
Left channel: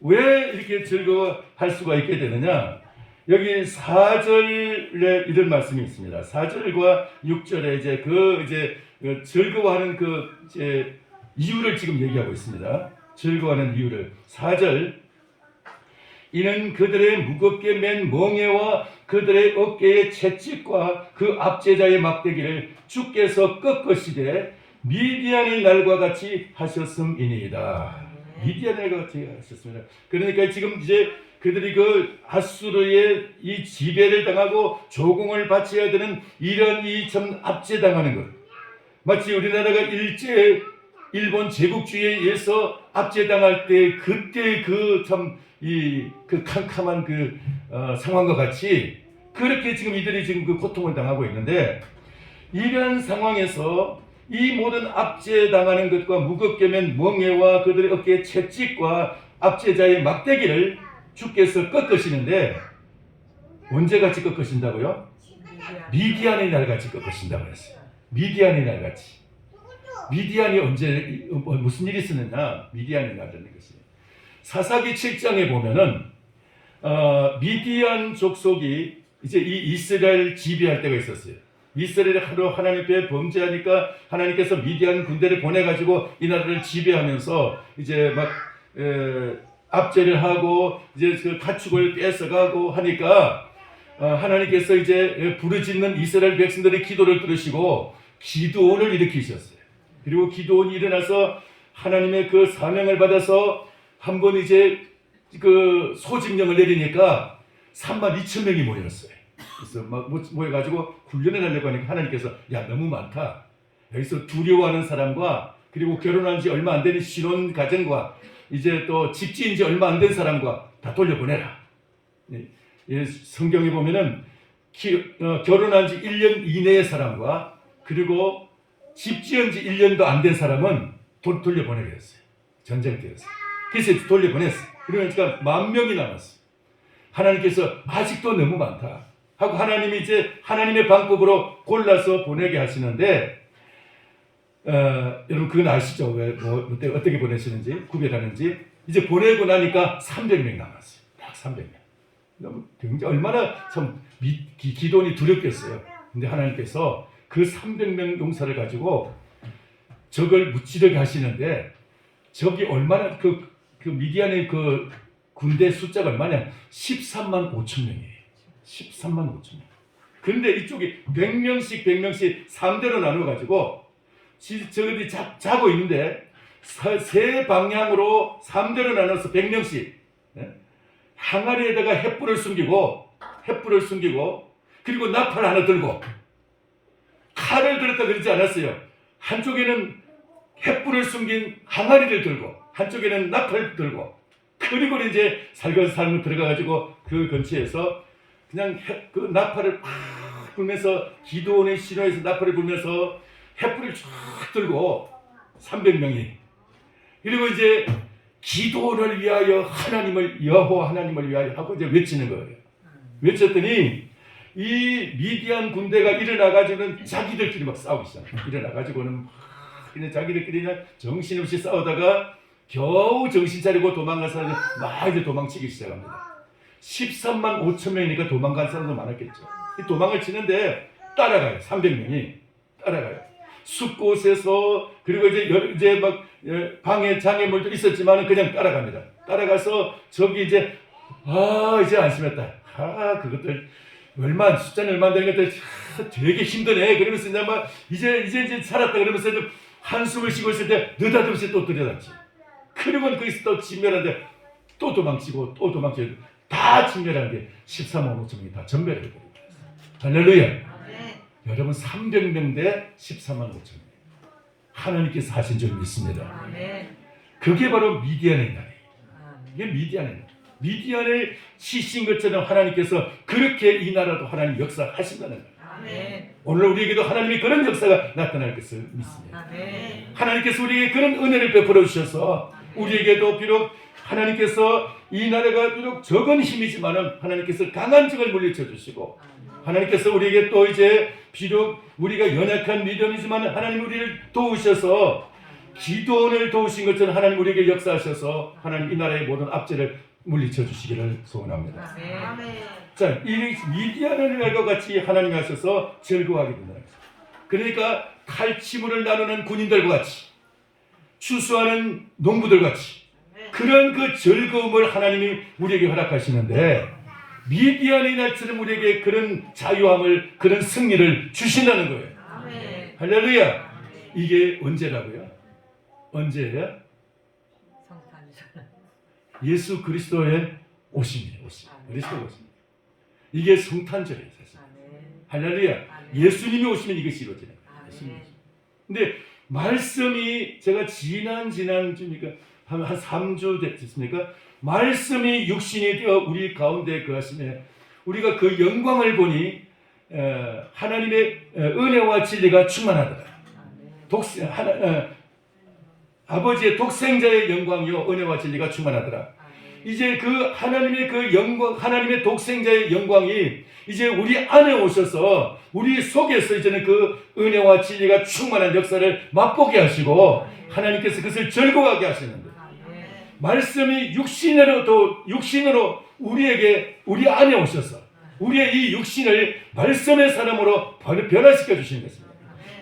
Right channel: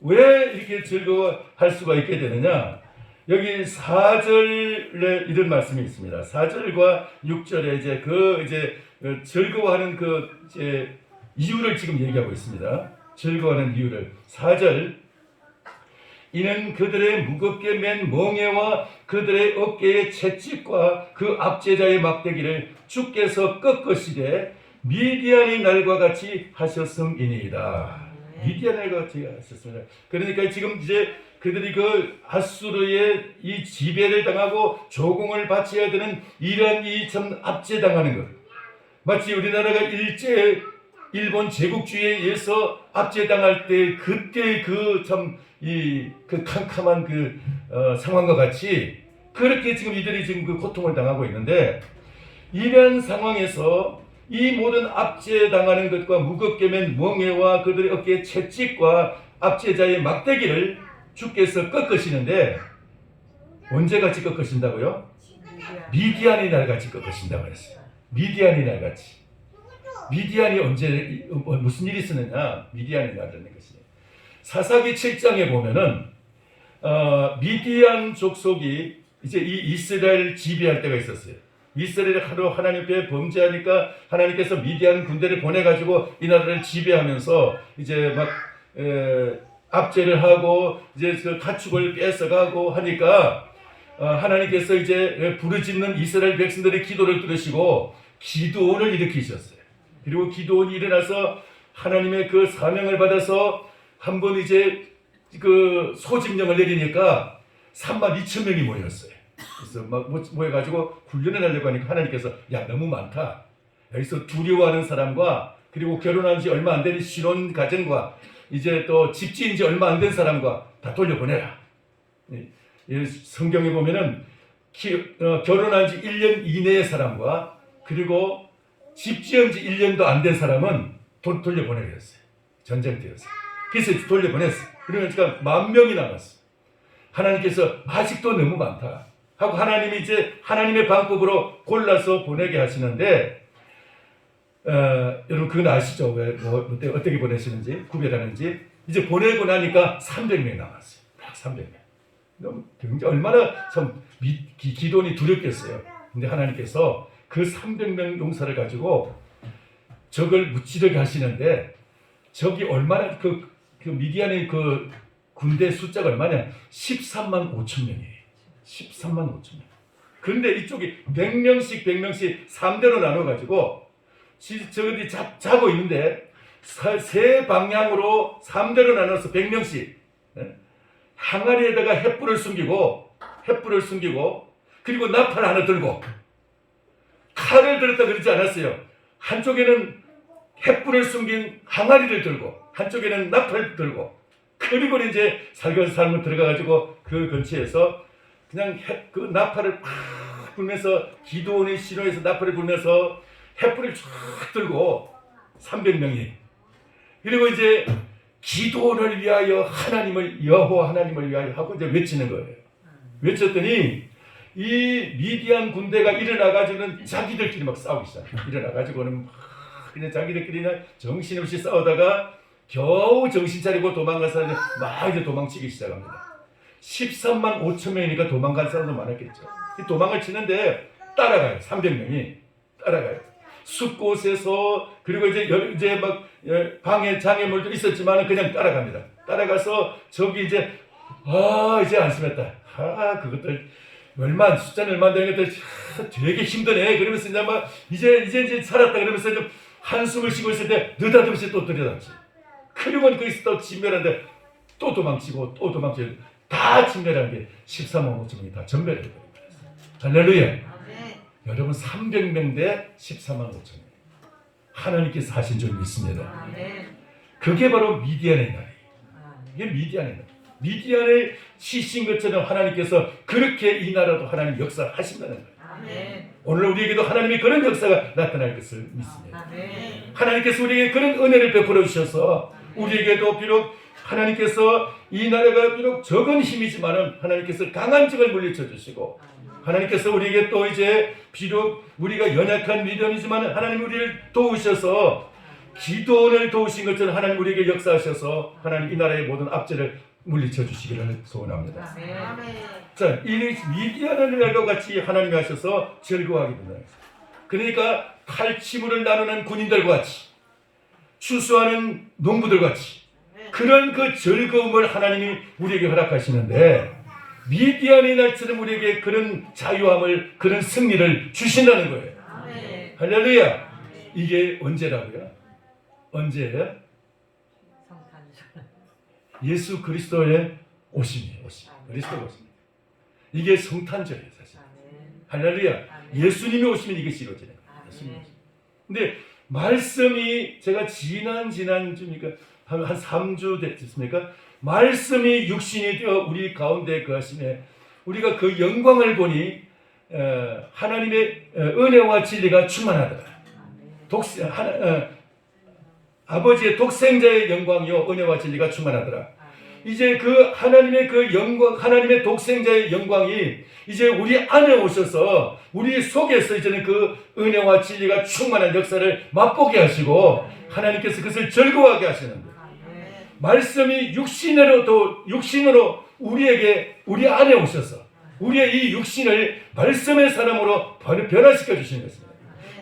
왜 이렇게 즐거워할 수가 있게 되느냐? 여기 4절에 이런 말씀이 있습니다. 4절과 6절에 이제 즐거워하는 이제 이유를 지금 얘기하고 있습니다. 즐거워하는 이유를 4절 이는 그들의 무겁게 맨 멍에와 그들의 어깨의 채찍과 그 압제자의 막대기를 주께서 꺾으시되 미디안의 날과 같이 하셨음이니이다. 미디안의 날과 같이 하셨습니다. 그러니까 지금 이제 그들이 그 아수르의 이 지배를 당하고 조공을 바쳐야 되는 이런 이 참 압제당하는 것. 마치 우리나라가 일본 제국주의에 의해서 압제당할 때 그때 그 캄캄한 상황과 같이 그렇게 지금 이들이 지금 그 고통을 당하고 있는데 이런 상황에서 이 모든 압제당하는 것과 무겁게 맨 멍에와 그들의 어깨의 채찍과 압제자의 막대기를 주께서 꺾으시는데 언제 같이 꺾으신다고요? 미디안의 날 같이 꺾으신다고 했어요. 미디안의 날 같이. 미디안이 언제 무슨 일이 있었느냐? 미디안의 날이라는 것이 사사기 7장에 보면은 미디안 족속이 이제 이 이스라엘 지배할 때가 있었어요. 이스라엘이 하도 하나님 앞에 범죄하니까 하나님께서 미디안 군대를 보내가지고 이 나라를 지배하면서 이제 막 압제를 하고 이제 그 가축을 뺏어가고 하니까 하나님께서 이제 부르짖는 이스라엘 백성들의 기도를 들으시고 기드온을 일으키셨어요. 그리고 기드온이 일어나서 하나님의 그 사명을 받아서 한번 이제 그 소집령을 내리니까 32,000명이 모였어요. 그래서 막 모여가지고 훈련을 하려고 하니까 하나님께서 야 너무 많다. 여기서 두려워하는 사람과 그리고 결혼한 지 얼마 안 되는 신혼 가정과 이제 또 집 지은 지 얼마 안 된 사람과 다 돌려보내라. 성경에 보면은 결혼한 지 1년 이내의 사람과 그리고 집 지은 지 1년도 안 된 사람은 돌려보내겠어요. 전쟁 때였어요. 그래서 돌려보냈어요. 그러니까 10,000명이 남았어요. 하나님께서 아직도 너무 많다. 하고 하나님이 이제 하나님의 방법으로 골라서 보내게 하시는데 여러분 그건 아시죠? 어떻게 보내시는지 구별하는지. 이제 보내고 나니까 300명 남았어요. 딱 300명. 너무 얼마나 참 기도원이 두렵겠어요. 근데 하나님께서 그 300명 용사를 가지고 적을 무찌르게 하시는데 적이 얼마나 그 미디안의 그 군대 숫자가 얼마냐? 13만 5천 명이에요. 13만 5천 명. 그런데 이쪽이 100명씩 3대로 나눠가지고 저들이 자고 있는데 세 방향으로 3대로 나눠서 100명씩 항아리에다가 횃불을 숨기고 그리고 나팔 하나 들고 칼을 들었다 그러지 않았어요. 한쪽에는 횃불을 숨긴 항아리를 들고 한쪽에는 나팔을 들고 그리고 이제 살살살로 들어가가지고 그 근처에서 그냥 그 나팔을 팍 불면서 기도원의 신호에서 나팔을 불면서 횃불을 쫙 들고 300명이 그리고 이제 기도원을 위하여 하나님을 여호와 하나님을 위하여 하고 이제 외치는 거예요. 외쳤더니 이 미디안 군대가 일어나가지고는 자기들끼리 막 싸우기 시작해요. 일어나가지고는 그냥 자기들끼리 그냥 정신없이 싸우다가 겨우 정신 차리고 도망간 사람들 막 이제 도망치기 시작합니다. 13만 5천 명이니까 도망간 사람도 많았겠죠. 도망을 치는데 따라가요. 300명이 따라가요. 숲곳에서 그리고 이제 막 방해 장애물도 있었지만 그냥 따라갑니다. 따라가서 저기 이제 이제 안심했다. 그것들 숫자는 얼마 안 되는 것들 되게 힘드네. 그러면서 이제 막 이제 살았다 그러면서 이제 한숨을 쉬고 있을 때 느닷없이 또 들여다지. 그리고 거기서 또 진멸하는데 또 도망치고 다 진멸한 게 13만 5천 명이 다 전멸을 해버립니다. 할렐루야. 여러분 300명 대 14만 5천 명. 하나님께서 하신 줄 믿습니다. 그게 바로 미디안의 날이에요. 이게 미디안의 날. 미디안을 치신 것처럼 하나님께서 그렇게 이 나라도 하나님 역사하신다는 거예요. 오늘 우리에게도 하나님이 그런 역사가 나타날 것을 믿습니다. 하나님께서 우리에게 그런 은혜를 베풀어 주셔서 우리에게도 비록 하나님께서 이 나라가 비록 적은 힘이지만 하나님께서 강한 적을 물리쳐 주시고 하나님께서 우리에게 또 이제 비록 우리가 연약한 믿음이지만 하나님 우리를 도우셔서 기도원을 도우신 것처럼 하나님 우리에게 역사하셔서 하나님 이 나라의 모든 압제를 물리쳐 주시기를 소원합니다. 자, 이 미디안의 날과 같이 하나님이 하셔서 즐거워하게 된다. 그러니까 칼치물을 나누는 군인들과 같이 추수하는 농부들과 같이 그런 그 즐거움을 하나님이 우리에게 허락하시는데 미디안의 날처럼 우리에게 그런 자유함을 그런 승리를 주신다는 거예요. 할렐루야. 이게 언제라고요? 언제예요? 예수 그리스도의 오심이에요. 그리스도의 오심. 이게 성탄절이에요, 사실. 할렐루야. 예수님이 오시면 이것이 이루어지는 거예요. 근데 말씀이 제가 지난 주니까 한 3주 됐습니까? 말씀이 육신이 되어 우리 가운데 거하심에 우리가 그 영광을 보니 하나님의 은혜와 진리가 충만하더라. 아버지의 독생자의 영광이요 은혜와 진리가 충만하더라. 이제 그 하나님의 그 영광, 하나님의 독생자의 영광이 이제 우리 안에 오셔서 우리 속에서 이제는 그 은혜와 진리가 충만한 역사를 맛보게 하시고 하나님께서 그것을 즐거워하게 하시는 거예요. 말씀이 육신으로 우리 안에 오셔서 우리의 이 육신을 말씀의 사람으로 변화시켜 주시는 것입니다.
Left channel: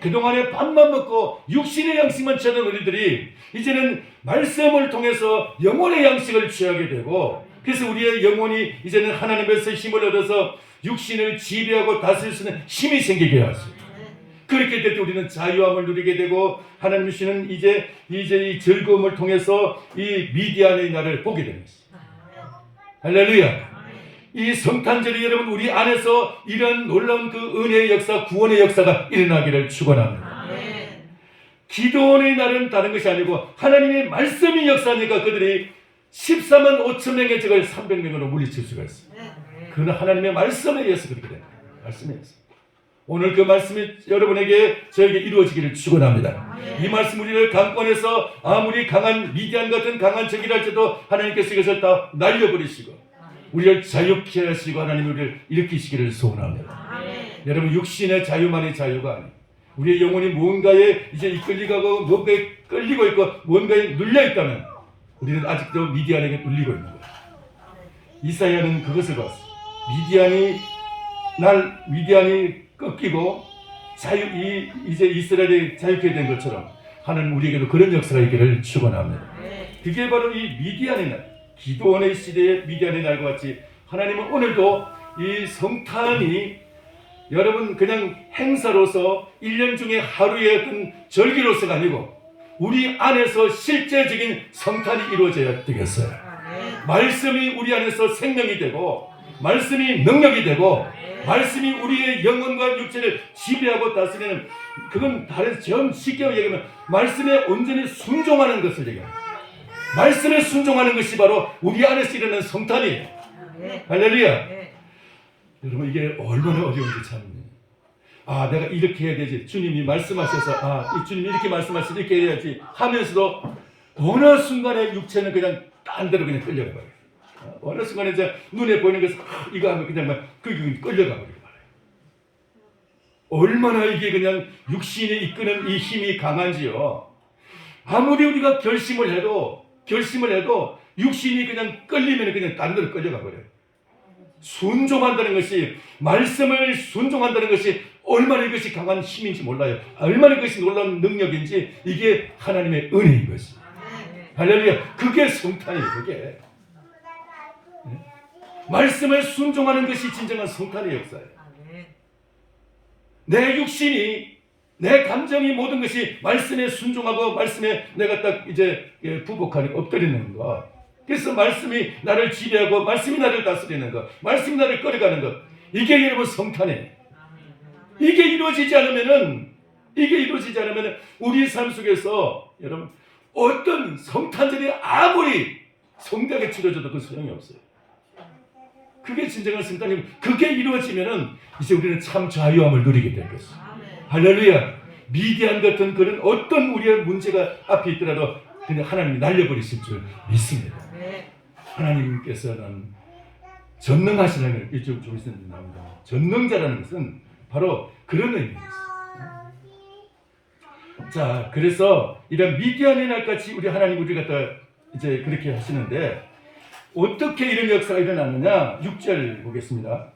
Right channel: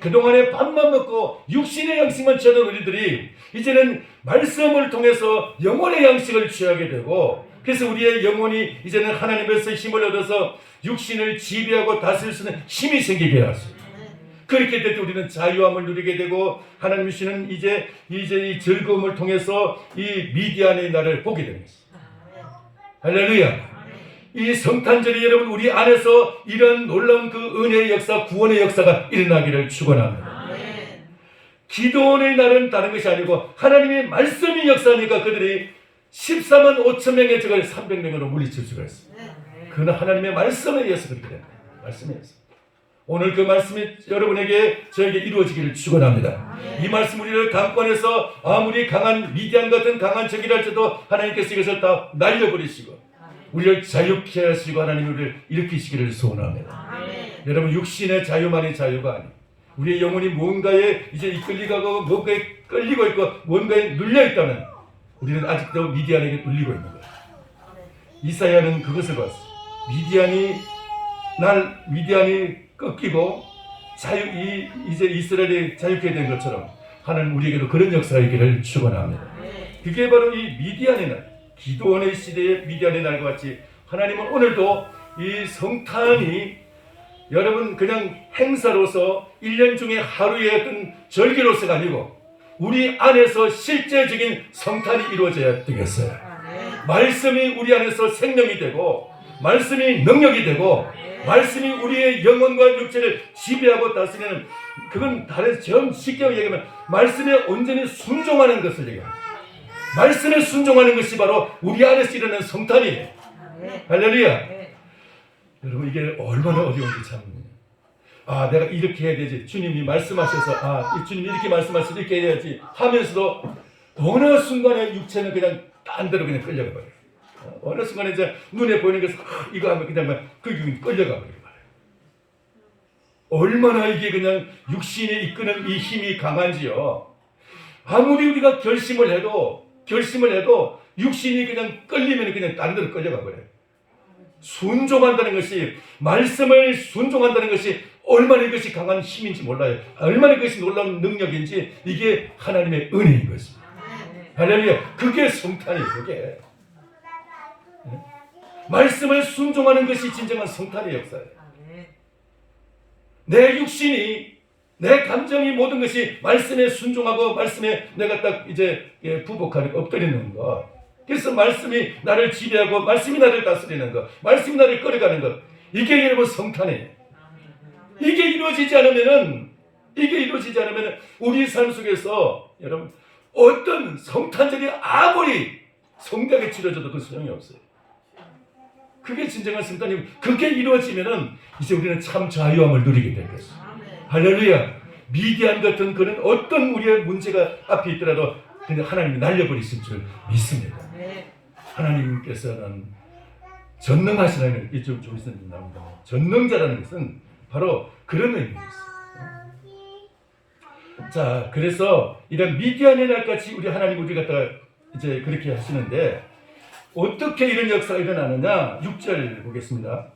그동안에 밥만 먹고 육신의 양식만 취하던 우리들이 이제는 말씀을 통해서 영혼의 양식을 취하게 되고 그래서 우리의 영혼이 이제는 하나님께서 힘을 얻어서 육신을 지배하고 다스릴 수 있는 힘이 생기게 하십니다. 그렇게 될 때 우리는 자유함을 누리게 되고 하나님 주시는 이제 이 즐거움을 통해서 이 미디안의 날을 보게 되는 것입니다. 할렐루야. 이 성탄절이 여러분 우리 안에서 이런 놀라운 그 은혜의 역사, 구원의 역사가 일어나기를 축원합니다. 기도원의 날은 다른 것이 아니고 하나님의 말씀이 역사하니까 그들이 14만 5천 명의 적을 300명으로 물리칠 수가 있습니다. 그는 하나님의 말씀에 의해서 그렇게 됩니다. 말씀에 의해서. 오늘 그 말씀이 여러분에게 저에게 이루어지기를 축원합니다. 이 말씀 우리를 강권해서 아무리 강한 미디안 같은 강한 적이라 할지라도 하나님께서 이것을 다 날려버리시고 우리를 자유케 하시고 하나님이 우리를 일으키시기를 소원합니다. 여러분 육신의 자유만이 자유가 아니에요. 우리의 영혼이 뭔가에 이제 이끌리고 뭔가에 끌리고 있고 뭔가에 눌려 있다면 우리는 아직도 미디안에게 눌리고 있는 거예요. 이사야는 그것을 봤어요. 미디안이 꺾이고 이제 이스라엘이 자유케 된 것처럼 하나님 우리에게도 그런 역사가 있기를 축원합니다. 그게 바로 이 미디안의 날, 기도원의 시대의 미디안의 날과 같이 하나님은 오늘도 이 성탄이 여러분 그냥 행사로서 1년 중에 하루의 어떤 절기로서가 아니고 우리 안에서 실제적인 성탄이 이루어져야 되겠어요. 말씀이 우리 안에서 생명이 되고 말씀이 능력이 되고 말씀이 우리의 영혼과 육체를 지배하고 다스리는, 그건 다른 좀 쉽게 얘기하면 말씀에 온전히 순종하는 것을 얘기합니다. 말씀에 순종하는 것이 바로 우리 안에서 일어나는 성탄이에요. 할렐루야. 여러분 이게 얼마나 어려운지 참. 내가 이렇게 해야 되지. 주님이 말씀하셔서 주님이 이렇게 말씀하셔서 이렇게 해야지 하면서도 어느 순간에 육체는 그냥 딴 데로 그냥 끌려가 버려요. 어느 순간에 이제 눈에 보이는 것을 이거 하면 그냥 그 끌려가 버려요. 얼마나 이게 그냥 육신이 이끄는 이 힘이 강한지요. 아무리 우리가 결심을 해도 육신이 그냥 끌리면 그냥 딴 데로 끌려가 버려요. 순종한다는 것이, 말씀을 순종한다는 것이 얼마나 이것이 강한 힘인지 몰라요. 얼마나 이것이 놀라운 능력인지, 이게 하나님의 은혜인 것입니다. 할렐루야. 그게 성탄이에요. 그게 말씀을 순종하는 것이 진정한 성탄의 역사예요. 내 육신이, 내 감정이, 모든 것이 말씀에 순종하고 말씀에 내가 딱 이제 부복하는, 엎드리는 것. 그래서 말씀이 나를 지배하고 말씀이 나를 다스리는 것, 말씀이 나를 끌어가는 것, 이게 여러분 성탄이에요. 이게 이루어지지 않으면은 우리 삶 속에서 여러분 어떤 성탄절이 아무리 성대하게 치러져도 그 소용이 없어요. 그게 진정한 성탄이고, 그게 이루어지면은 이제 우리는 참 자유함을 누리게 될 것이죠. 할렐루야. 미디안 같은 그런 어떤 우리의 문제가 앞에 있더라도 그냥 하나님이 날려버리실 줄 믿습니다. 하나님께서는 전능하신 하나님, 이쪽 쪽에서 나옵니다. 전능자라는 것은 바로 그런 의미입니다. 자, 그래서 이런 미디안의 날같이 우리 하나님 우리 갖다가 이제 그렇게 하시는데, 어떻게 이런 역사가 일어나느냐? 6절 보겠습니다.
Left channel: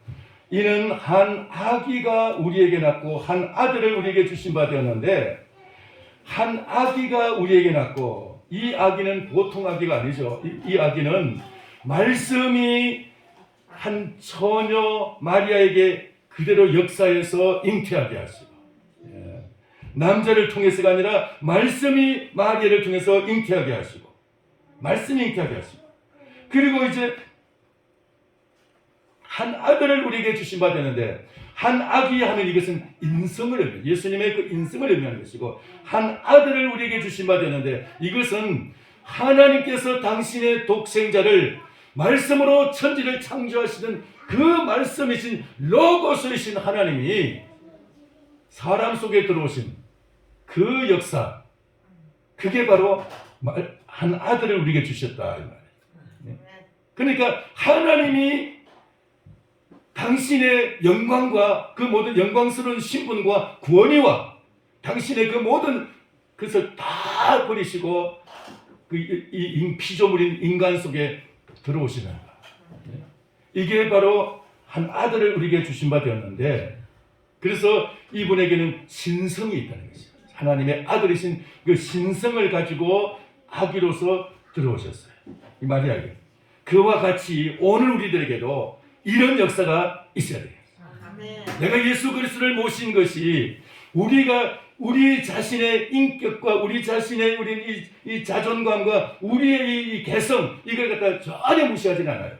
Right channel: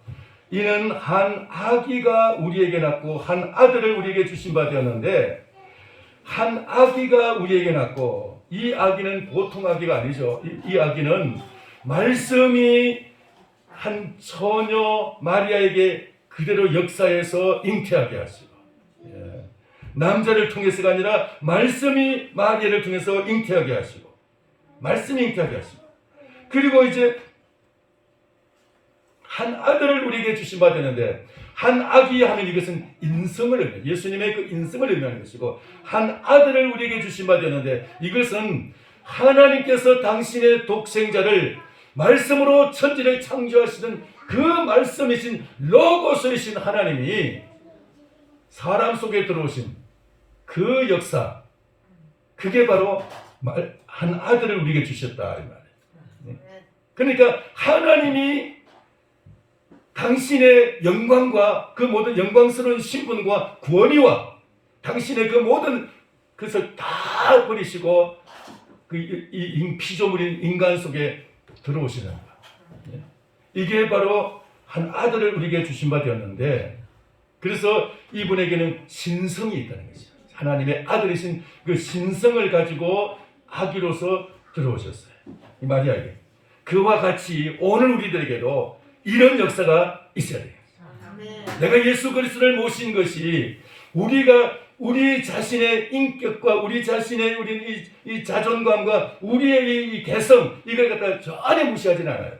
이는 한 아기가 우리에게 낳고 한 아들을 우리에게 주신 바 되었는데, 한 아기가 우리에게 낳고, 이 아기는 보통 아기가 아니죠. 이 아기는 말씀이 한 처녀 마리아에게 그대로 역사에서 잉태하게 하시고, 남자를 통해서가 아니라 말씀이 마리아를 통해서 잉태하게 하시고, 말씀이 잉태하게 하시고, 그리고 이제 한 아들을 우리에게 주신 바 되는데, 한 아기 하면 이것은 인성을 의미해요. 예수님의 그 인성을 의미하는 것이고, 한 아들을 우리에게 주신 바 되는데, 이것은 하나님께서 당신의 독생자를 말씀으로 천지를 창조하시는 그 말씀이신 로고스이신 하나님이 사람 속에 들어오신 그 역사, 그게 바로 한 아들을 우리에게 주셨다 이 말이에요. 그러니까 하나님이 당신의 영광과 그 모든 영광스러운 신분과 구원이와 당신의 그 모든 것을 다 버리시고 이 피조물인 인간 속에 들어오시는 것. 이게 바로 한 아들을 우리에게 주신 바 되었는데, 그래서 이분에게는 신성이 있다는 것입니다. 하나님의 아들이신 그 신성을 가지고 아기로서 들어오셨어요. 이 마리아에게. 그와 같이 오늘 우리들에게도 이런 역사가 있어야 돼요. 내가 예수 그리스도를 모신 것이 우리 자신의 인격과 우리 자신의 우리 이 자존감과 우리의 이 개성, 이걸 갖다 전혀 무시하지는 않아요.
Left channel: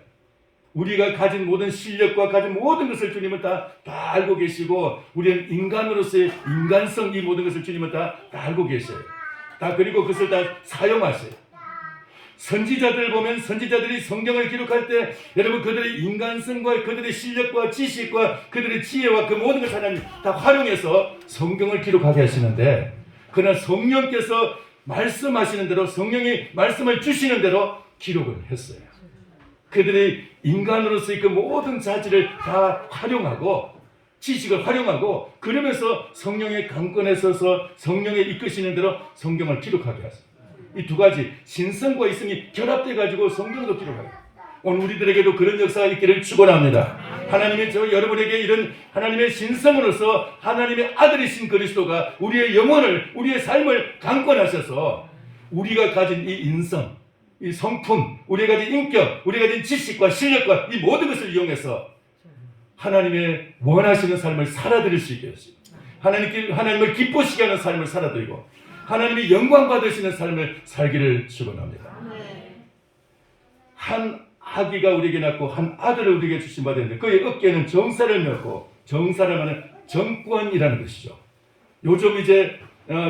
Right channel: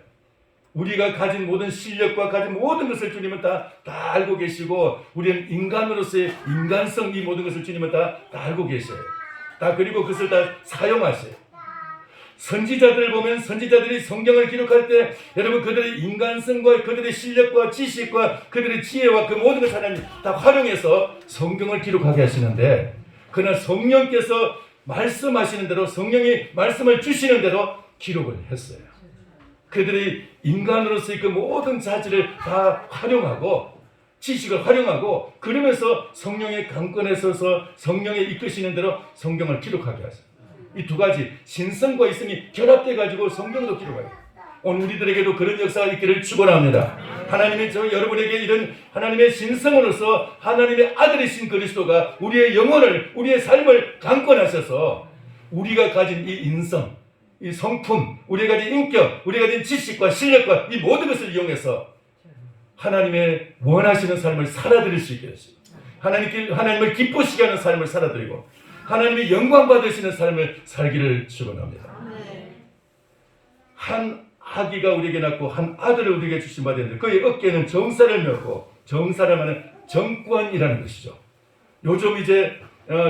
우리가 가진 모든 실력과 가진 모든 것을 주님은 다 알고 계시고, 우리는 인간으로서의 인간성, 이 모든 것을 주님은 다 알고 계셔요. 그리고 그것을 다 사용하세요. 선지자들 보면 선지자들이 성경을 기록할 때 여러분 그들의 인간성과 그들의 실력과 지식과 그들의 지혜와 그 모든 것을 하나님 다 활용해서 성경을 기록하게 하시는데, 그러나 성령께서 말씀하시는 대로, 성령이 말씀을 주시는 대로 기록을 했어요. 그들이 인간으로서의 그 모든 자질을 다 활용하고 지식을 활용하고 그러면서 성령의 강권에 서서 성령의 이끄시는 대로 성경을 기록하게 하십니다. 이 두 가지 신성과 있음이 결합돼 가지고 성경도 기록하고 오늘 우리들에게도 그런 역사가 있기를 축원합니다. 하나님이 여러분에게 이런 하나님의 신성으로서 하나님의 아들이신 그리스도가 우리의 영혼을 우리의 삶을 강권하셔서 우리가 가진 이 인성, 이 성품, 우리가 가진 인격, 우리가 가진 지식과 실력과 이 모든 것을 이용해서 하나님의 원하시는 삶을 살아드릴 수 있게 하십니다. 하나님을 기쁘시게 하는 삶을 살아드리고 하나님이 영광 받으시는 삶을 살기를 축원합니다. 한 아기가 우리에게 낳고 한 아들을 우리에게 주신 바 되는데 그의 어깨에는 정사를 메었고 정사라면 정권이라는 것이죠. 요즘 이제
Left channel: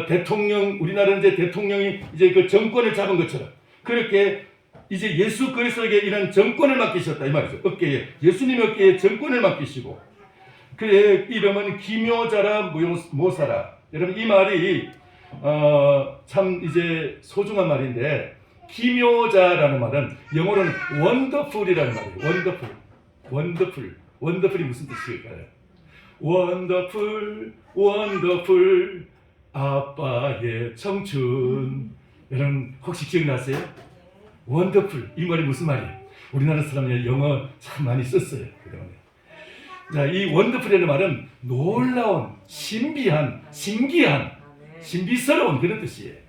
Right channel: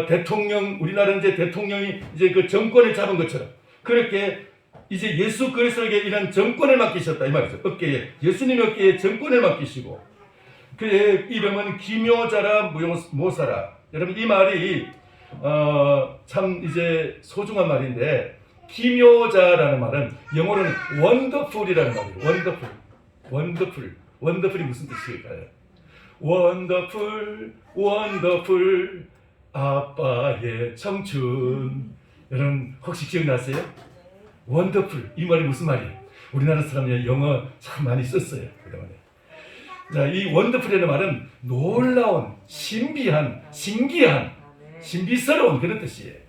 대통령 우리나라 이제 대통령이 이제 그 정권을 잡은 것처럼 그렇게 이제 예수 그리스도에게 이런 정권을 맡기셨다 이 말이죠. 어깨에 예수님 어깨에 정권을 맡기시고 그의 이름은 기묘자라 모사라. 여러분 이 말이 참 이제 소중한 말인데 기묘자라는 말은 영어로는 원더풀이라는 말이에요. 원더풀이 무슨 뜻일까요? 원더풀 아빠의 청춘. 여러분 혹시 기억나세요? 원더풀 이 말이 무슨 말이에요? 우리나라 사람이 영어 참 많이 썼어요. 그동안에. 자, 이 원더풀이라는 말은 놀라운, 신비한, 신기한, 신비스러운 그런 뜻이에요.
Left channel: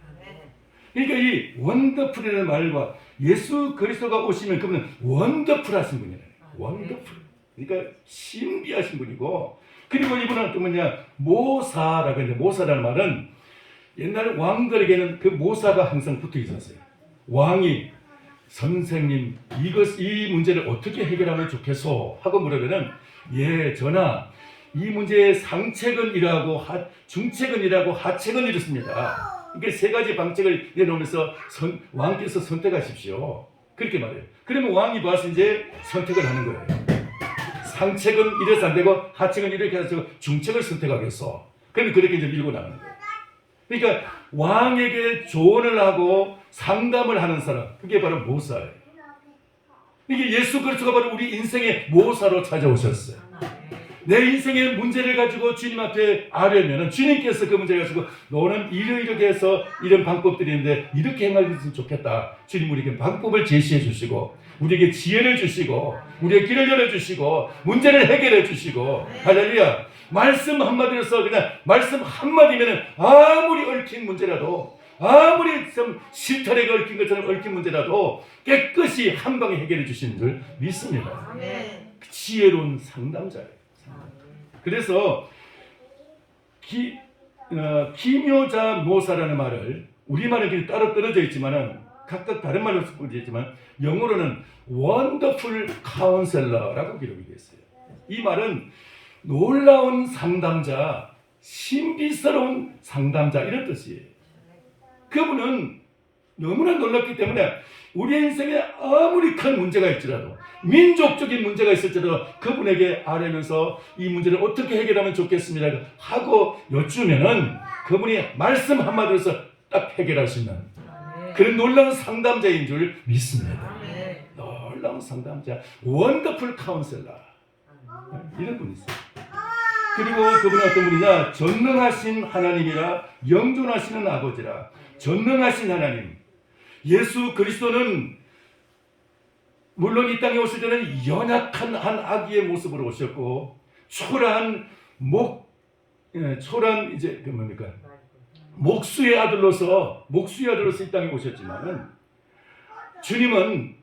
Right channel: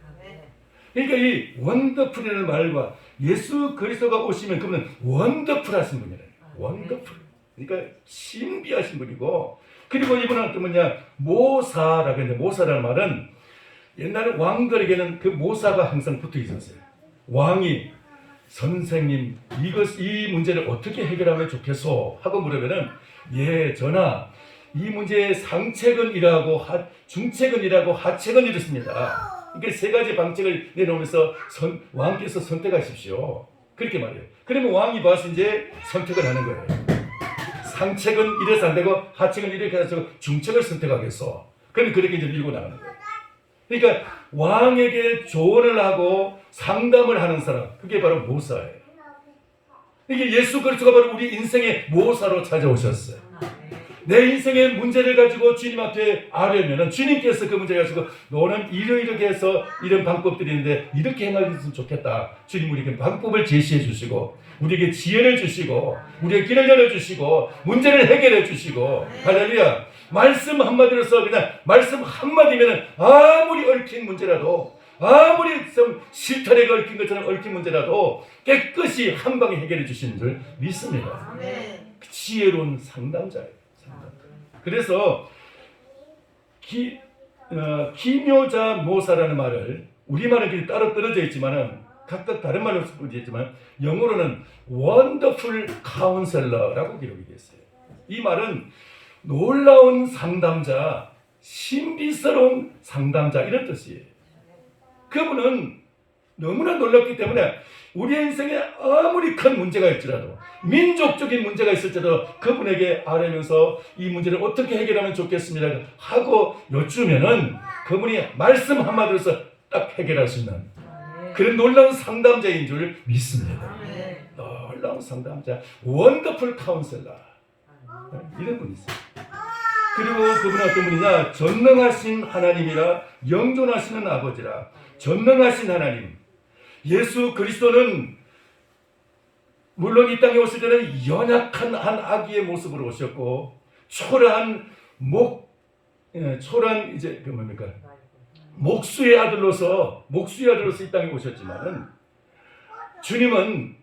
그러니까 이 원더풀이라는 말과 예수 그리스도가 오시면 그분은 원더풀하신 분이에요. 원더풀. 그러니까 신비하신 분이고 그리고 이분은 또 뭐냐 모사라고 했는데 모사라는 말은 옛날에 왕들에게는 그 모사가 항상 붙어 있었어요. 왕이 선생님 이 문제를 어떻게 해결하면 좋겠소 하고 물으면은 예 전하 이 문제의 상책은 이라고 중책은 이라고 하책은 이렇습니다. 이게 세 가지 방책을 내놓으면서 왕께서 선택하십시오. 그렇게 말해요. 그러면 왕이 봐서 이제 선택을 하는 거예요. 상책은 이래서 안 되고 하책은 이렇게 해서 중책을 선택하겠어. 그런데 그렇게 이제 밀고 나가는 거예요. 그러니까 왕에게 조언을 하고 상담을 하는 사람 그게 바로 모사예요. 이게 예수 그리스도가 바로 우리 인생의 모사로 찾아오셨어요. 내 인생의 문제를 가지고 주님 앞에 아뢰면 주님께서 그 문제를 가지고 너는 이렇게 해서 이런 방법들이 있는데 이렇게 행하면 좋겠다. 주님 우리에게 방법을 제시해 주시고 우리에게 지혜를 주시고 우리의 길을 열어주시고 문제를 해결해 주시고 할렐루야. 말씀 한마디로서 그냥 말씀 한마디면 아무리 얽힌 문제라도 아무리 좀 실타래에 얽힌 것처럼 얽힌 문제라도 깨끗이 한 방에 해결해 주시는 줄 믿습니다. 지혜로운 상담자예요. 그래서 기묘자 모사라는 말을 우리말은 따로 떨어져 있지만은 각각 다른 말로 쓰고 있지만 영어로는 원더풀 카운셀러라고 기록이 됐어요. 이 말은 놀라운 상담자, 신비스러운 상담자 이런 뜻이에요. 그분은 너무나 놀랍기 때문에 우리의 인생에 아무리 큰 문제가 있더라도 민족적인 문제가 있을지라도 그분에게 아뢰면서 이 문제를 어떻게 해결하면 좋겠습니다 하고 여쭈면은 그분이 말씀 한마디로서 딱 해결할 수 있는 그런 놀라운 상담자인 줄 믿습니다. 놀라운 상담자, 원더풀 카운셀러 이런 분이 있어요. 그리고 그분은 어떤 분이냐? 전능하신 하나님이라 영존하시는 아버지라. 전능하신 하나님. 예수 그리스도는 물론 이 땅에 오실 때는 연약한 한 아기의 모습으로 오셨고 초라한 이제 그 뭡니까? 목수의 아들로서 이 땅에 오셨지만은 주님은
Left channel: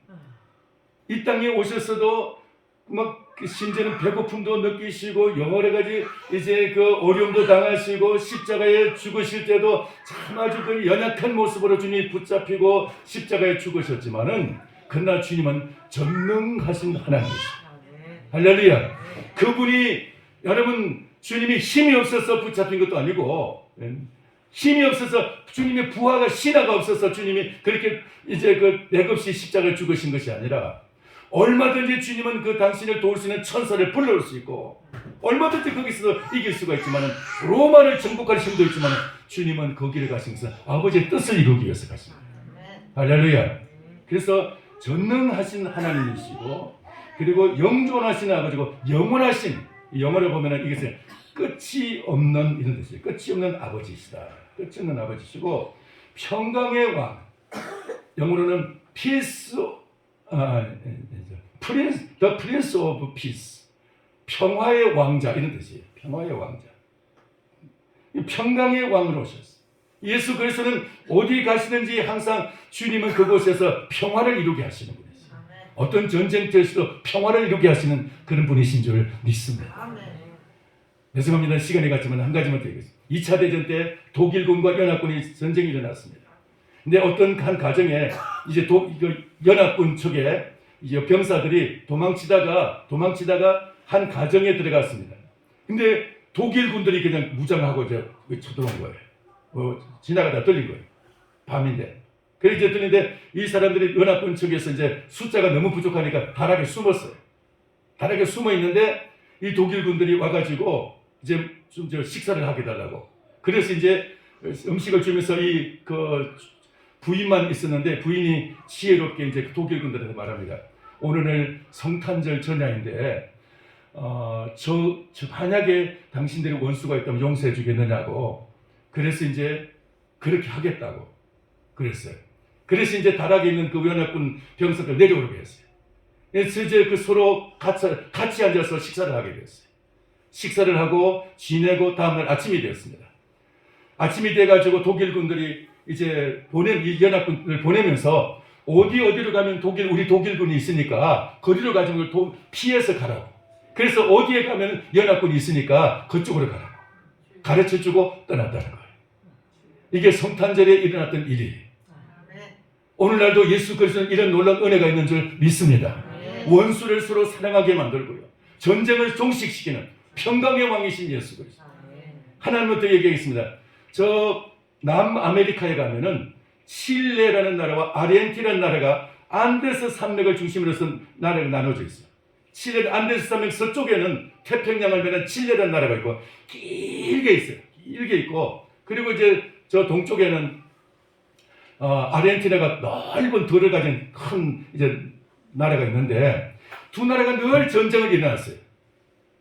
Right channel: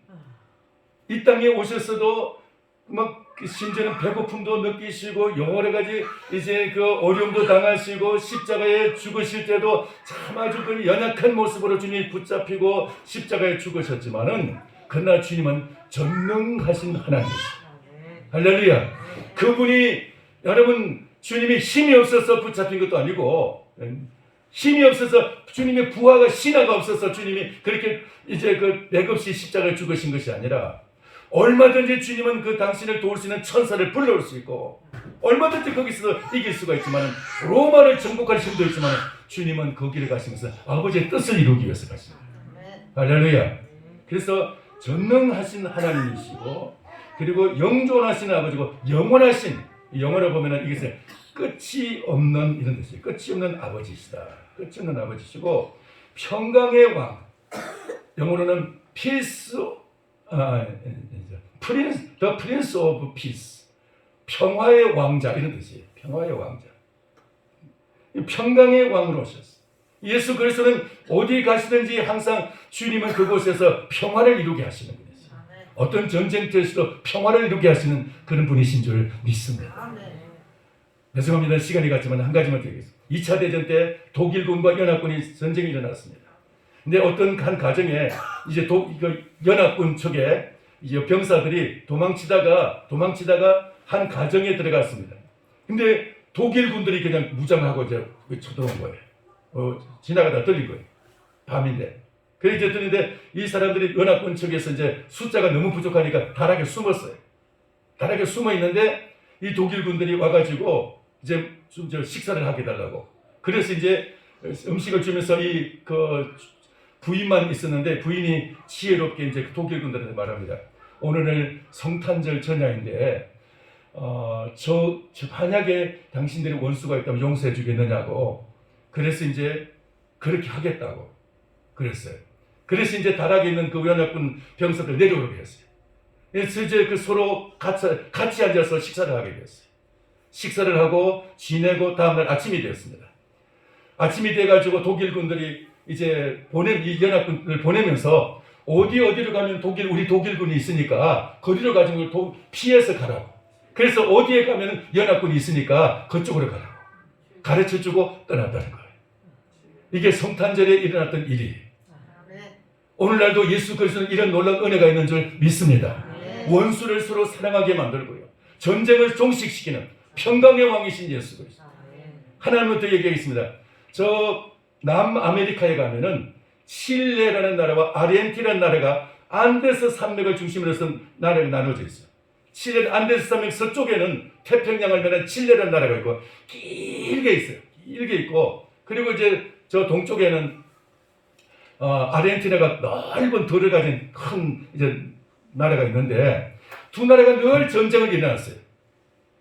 이 땅에 오셨어도 막 심지어는 배고픔도 느끼시고 여러 가지 이제 그 어려움도 당하시고 십자가에 죽으실 때도 참 아주 그 연약한 모습으로 주님이 붙잡히고 십자가에 죽으셨지만은 그러나 주님은 전능하신 하나님이시죠. 할렐루야. 그분이 여러분 주님이 힘이 없어서 붙잡힌 것도 아니고 힘이 없어서 주님의 부하가 신하가 없어서 주님이 그렇게 이제 그 맥없이 십자가에 죽으신 것이 아니라 얼마든지 주님은 그 당신을 도울 수 있는 천사를 불러올 수 있고 얼마든지 거기서 이길 수가 있지만 로마를 정복할 힘도 있지만 주님은 거기를 가신 것은 아버지의 뜻을 이루기 위해서 가십니다. 할렐루야. 그래서 전능하신 하나님이시고 그리고 영존하신 아버지고 영원하신, 영어로 보면은 이것은 끝이 없는 이런 뜻이에요. 끝이 없는 아버지시다. 끝이 없는 아버지시고 평강의 왕, 영어로는 peace, the prince of peace, 평화의 왕자 이런 뜻이에요. 평화의 왕자. 평강의 왕으로 오셨어요. 예수 그리스도는 어디 가시든지 항상 주님은 그곳에서 평화를 이루게 하시는 분이세요. 어떤 전쟁터에서도 평화를 이루게 하시는 그런 분이신 줄 믿습니다. 죄송합니다. 시간이 갔지만 한 가지만 드리겠습니다. 2차 대전 때 독일군과 연합군이 전쟁이 일어났습니다. 근데 어떤 한 가정에 이제 연합군 쪽에 이제 병사들이 도망치다가 한 가정에 들어갔습니다. 근데 독일 군들이 그냥 무장하고 이제 쳐들어온 거예요. 지나가다 들린 거예요. 밤인데. 그래서 이제 들리는데 이 사람들이 연합군 측에서 이제 숫자가 너무 부족하니까 다락에 숨었어요. 다락에 숨어 있는데 이 독일 군들이 와가지고 이제 좀 식사를 하게 달라고. 그래서 이제 음식을 주면서 부인만 있었는데 부인이 지혜롭게 이제 독일 군들한테 말합니다. 오늘은 성탄절 전야인데 만약에 당신들이 원수가 있다면 용서해 주겠느냐고. 그래서 이제 그렇게 하겠다고 그랬어요. 그래서 이제 다락에 있는 그 연합군 병사들 내려오게 했어요. 그래서 이제 서로 같이 앉아서 식사를 하게 되었어요. 식사를 하고 지내고 다음날 아침이 되었습니다. 아침이 돼가지고 독일 군들이 이제 이 연합군을 보내면서 어디로 가면 우리 독일군이 있으니까 거리로 가지고 피해서 가라고. 그래서 어디에 가면 연합군이 있으니까 그쪽으로 가라고 가르쳐주고 떠났다는 거예요. 이게 성탄절에 일어났던 일이에요. 오늘날도 예수 그리스도는 이런 놀라운 은혜가 있는 줄 믿습니다. 원수를 서로 사랑하게 만들고요. 전쟁을 종식시키는 평강의 왕이신 예수 그리스도. 하나님부터 얘기하겠습니다. 저 남아메리카에 가면은 칠레라는 나라와 아르헨티나라는 나라가 안데스 산맥을 중심으로 해서 나라가 나눠져 있어요. 칠레 안데스 산맥 서쪽에는 태평양을 메는 칠레라는 나라가 있고 길게 있어요. 길게 있고 그리고 이제 저 동쪽에는 아르헨티나가 넓은 들을 가진 큰 이제 나라가 있는데 두 나라가 늘 전쟁을 일어났어요.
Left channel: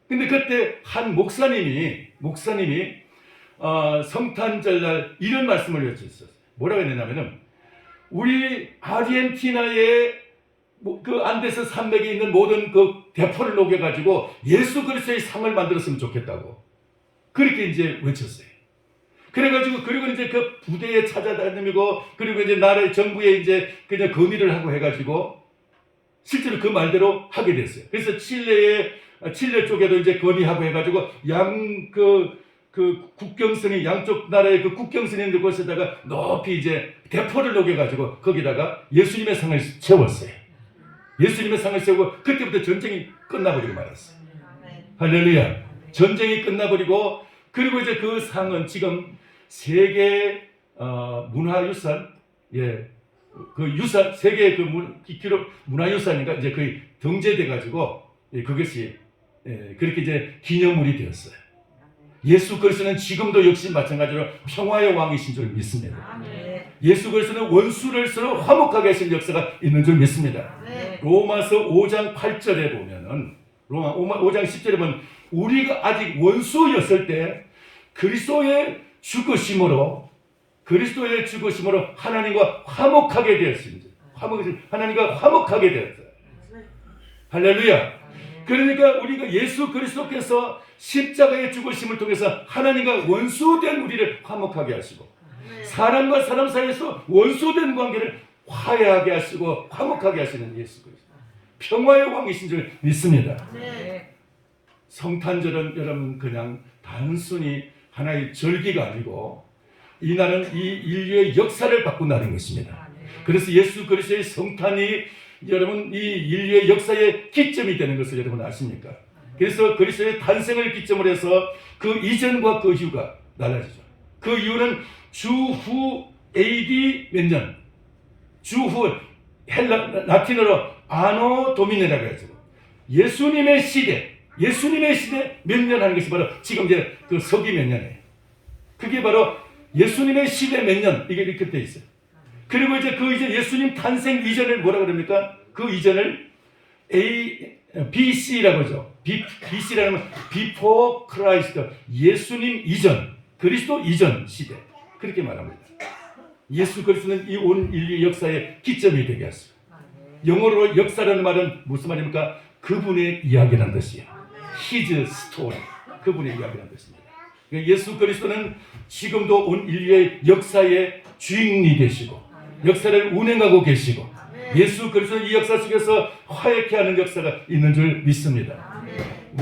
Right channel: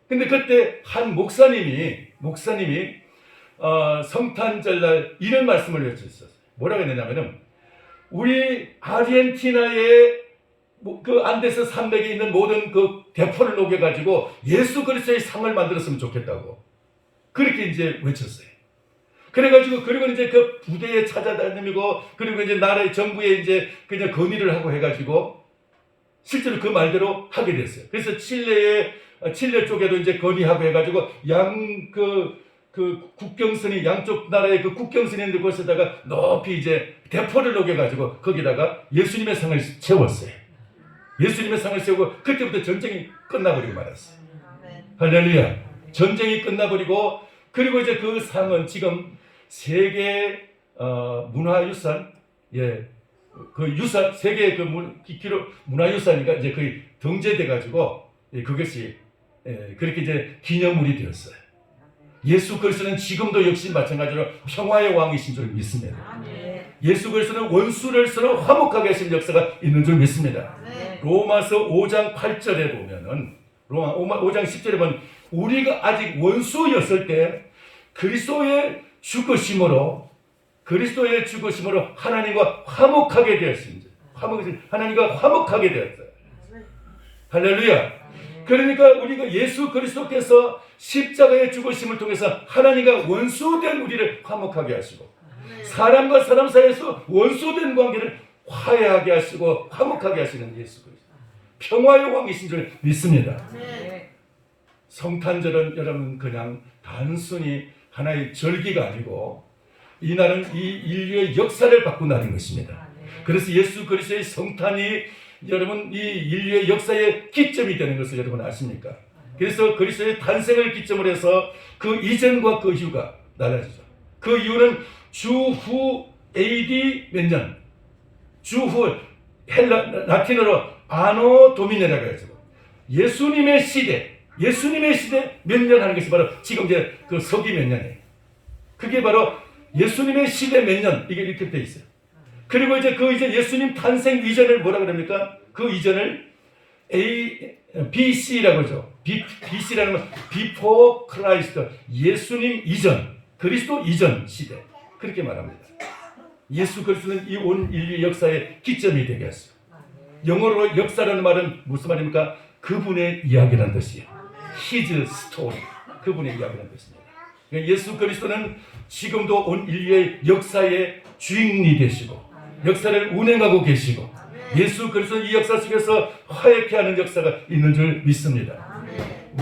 근데 그때 한 목사님이 성탄절날 이런 말씀을 외쳤어요. 뭐라고 했느냐면은 우리 아르헨티나의 그 안데스 산맥에 있는 모든 그 대포를 녹여가지고 예수 그리스도의 상을 만들었으면 좋겠다고 그렇게 이제 외쳤어요. 그래가지고 그리고 이제 그 부대에 찾아다니고 그리고 이제 나라의 정부에 이제 그냥 건의를 하고 해가지고 실제로 그 말대로 하게 됐어요. 그래서 칠레 쪽에도 이제 건의하고 해가지고 그 국경선이 양쪽 나라의 그 국경선이 있는 곳에다가 높이 이제 대포를 녹여가지고 거기다가 예수님의 상을 세웠어요. 예수님의 상을 세우고 그때부터 전쟁이 끝나버리고 말았어요. 할렐루야. 전쟁이 끝나버리고 그리고 이제 그 상은 지금 세계 문화유산 그 유산 세계 문화유산인가 이제 거의 등재돼가지고 그것이 그렇게 이제 기념물이 되었어요. 예수 그리스도는 지금도 역시 마찬가지로 평화의 왕이신 줄 믿습니다. 예수 그리스도는 원수를 서로 화목하게 하신 역사가 있는 줄 믿습니다. 로마서 5장 8절에 보면은 로마 5장 10절에 보면 우리가 아직 원수였을 때 그리스도의 죽으심으로 하나님과 화목하게 되었습니다. 하나님과 화목하게 되었어요. 할렐루야. 그러니까 우리가 예수 그리스도께서 십자가의 죽으심을 통해서 하나님과 원수된 우리를 화목하게 하시고 사람과 사람 사이에서 원수된 관계를 화해하게 하시고 화목하게 하시는 예수 그리스도. 평화의 왕이신 줄 믿습니다. 성탄절은 여러분 그냥 단순히 하나의 절기가 아니고 이날은 이 인류의 역사를 바꾼 날인 것입니다. 그래서 예수 그리스도의 성탄이 여러분 이 인류의 역사의 기점이 되는 것을 여러분 아십니까? 그래서 그리스도의 탄생을 기점으로 해서 그 이전과 그 이후가 달라지죠. 그 이유는 주후 AD 몇 년? 주후 라틴어로 아노 도미니라고 해서 예수님의 시대 몇 년 하는 것이 바로 지금 이제 그 서기 몇 년이에요. 그게 바로 예수님의 시대 몇 년 이게 이렇게 돼 있어요. 그리고 이제 그 이제 예수님 탄생 이전을 뭐라 그럽니까? 그 이전을 BC라고 하죠. BC라는 건 Before Christ, 예수님 이전, 그리스도 이전 시대, 그렇게 말합니다. 예수 그리스도는 이 온 인류 역사의 기점이 되게 했어요. 영어로 역사라는 말은 무슨 말입니까? 그분의 이야기라는 뜻이에요. His story, 그분의 이야기라는 뜻입니다. 그러니까 예수 그리스도는 지금도 온 인류의 역사의 주인이 되시고 역사를 운행하고 계시고 예수 그리스도는 이 역사 속에서 화해케 하는 역사가 있는 줄 믿습니다.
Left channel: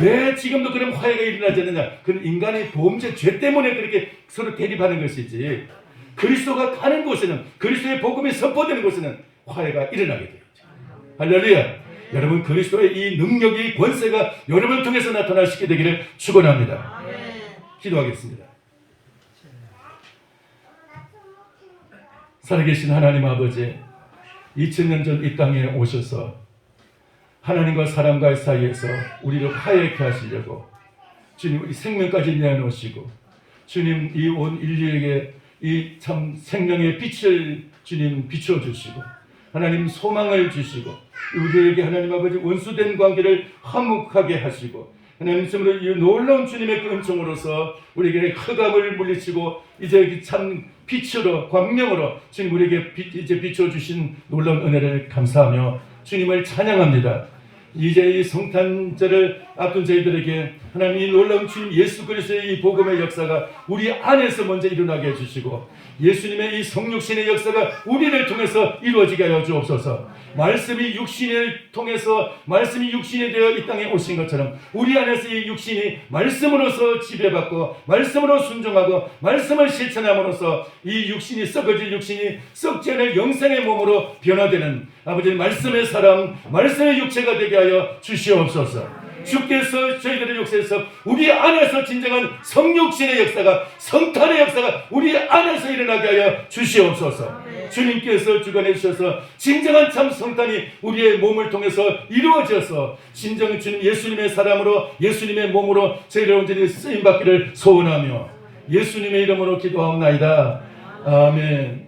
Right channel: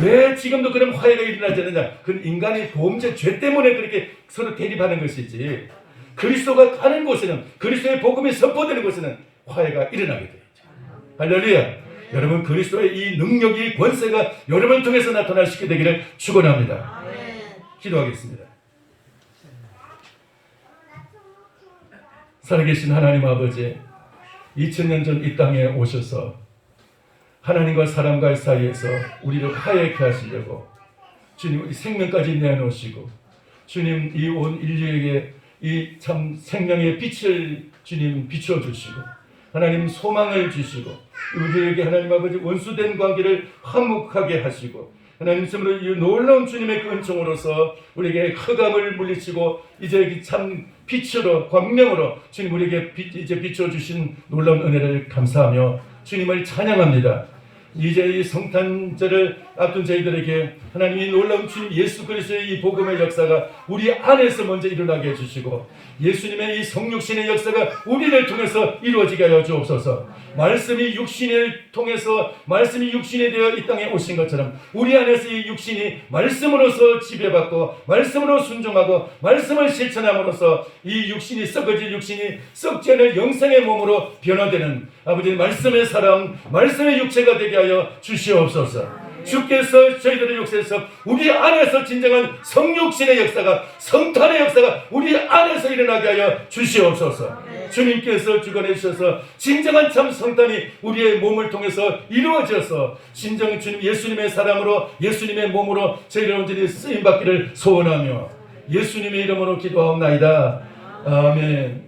왜 지금도 그런 화해가 일어나지 않느냐? 그건 인간의 범죄, 죄 때문에 그렇게 서로 대립하는 것이지, 그리스도가 가는 곳에는, 그리스도의 복음이 선포되는 곳에는 화해가 일어나게 되죠. 할렐루야. 여러분, 그리스도의 이 능력이, 권세가 여러분 통해서 나타날 수 있게 되기를 축원합니다. 기도하겠습니다. 살아계신 하나님 아버지, 2000년 전 이 땅에 오셔서 하나님과 사람과의 사이에서 우리를 화해케 하시려고 주님 생명까지 내어놓으시고, 주님 이 온 인류에게 이 참 생명의 빛을 주님 비춰주시고, 하나님 소망을 주시고, 우리에게 하나님 아버지 원수된 관계를 화목하게 하시고, 하나님 정말 이 놀라운 주님의 그 은총으로서 우리에게 흑암을 물리치고 이제 참 빛으로, 광명으로 주님 우리에게 이제 비춰주신 놀라운 은혜를 감사하며 주님을 찬양합니다. 이제 이 성탄절을 앞둔 저희들에게 하나님 이 놀라운 주님 예수 그리스도의 이 복음의 역사가 우리 안에서 먼저 일어나게 해주시고, 예수님의 이 성육신의 역사가 우리를 통해서 이루어지게 하여 주옵소서. 말씀이 육신을 통해서, 말씀이 육신이 되어 이 땅에 오신 것처럼 우리 안에서 이 육신이 말씀으로서 지배받고 말씀으로 순종하고 말씀을 실천함으로써 이 육신이, 썩어질 육신이 썩지 않을 영생의 몸으로 변화되는 아버지 말씀의 사람, 말씀의 육체가 되게 하여 주시옵소서. 주께서 저희들의 역사에서 우리 안에서 진정한 성육신의 역사가, 성탄의 역사가 우리 안에서 일어나게 하여 주시옵소서. 주님께서 주관해 주셔서 진정한 참 성탄이 우리의 몸을 통해서 이루어져서 진정 주님 예수님의 사람으로, 예수님의 몸으로 저희를 온전히 쓰임받기를 소원하며 예수님의 이름으로 기도하옵나이다. 아멘.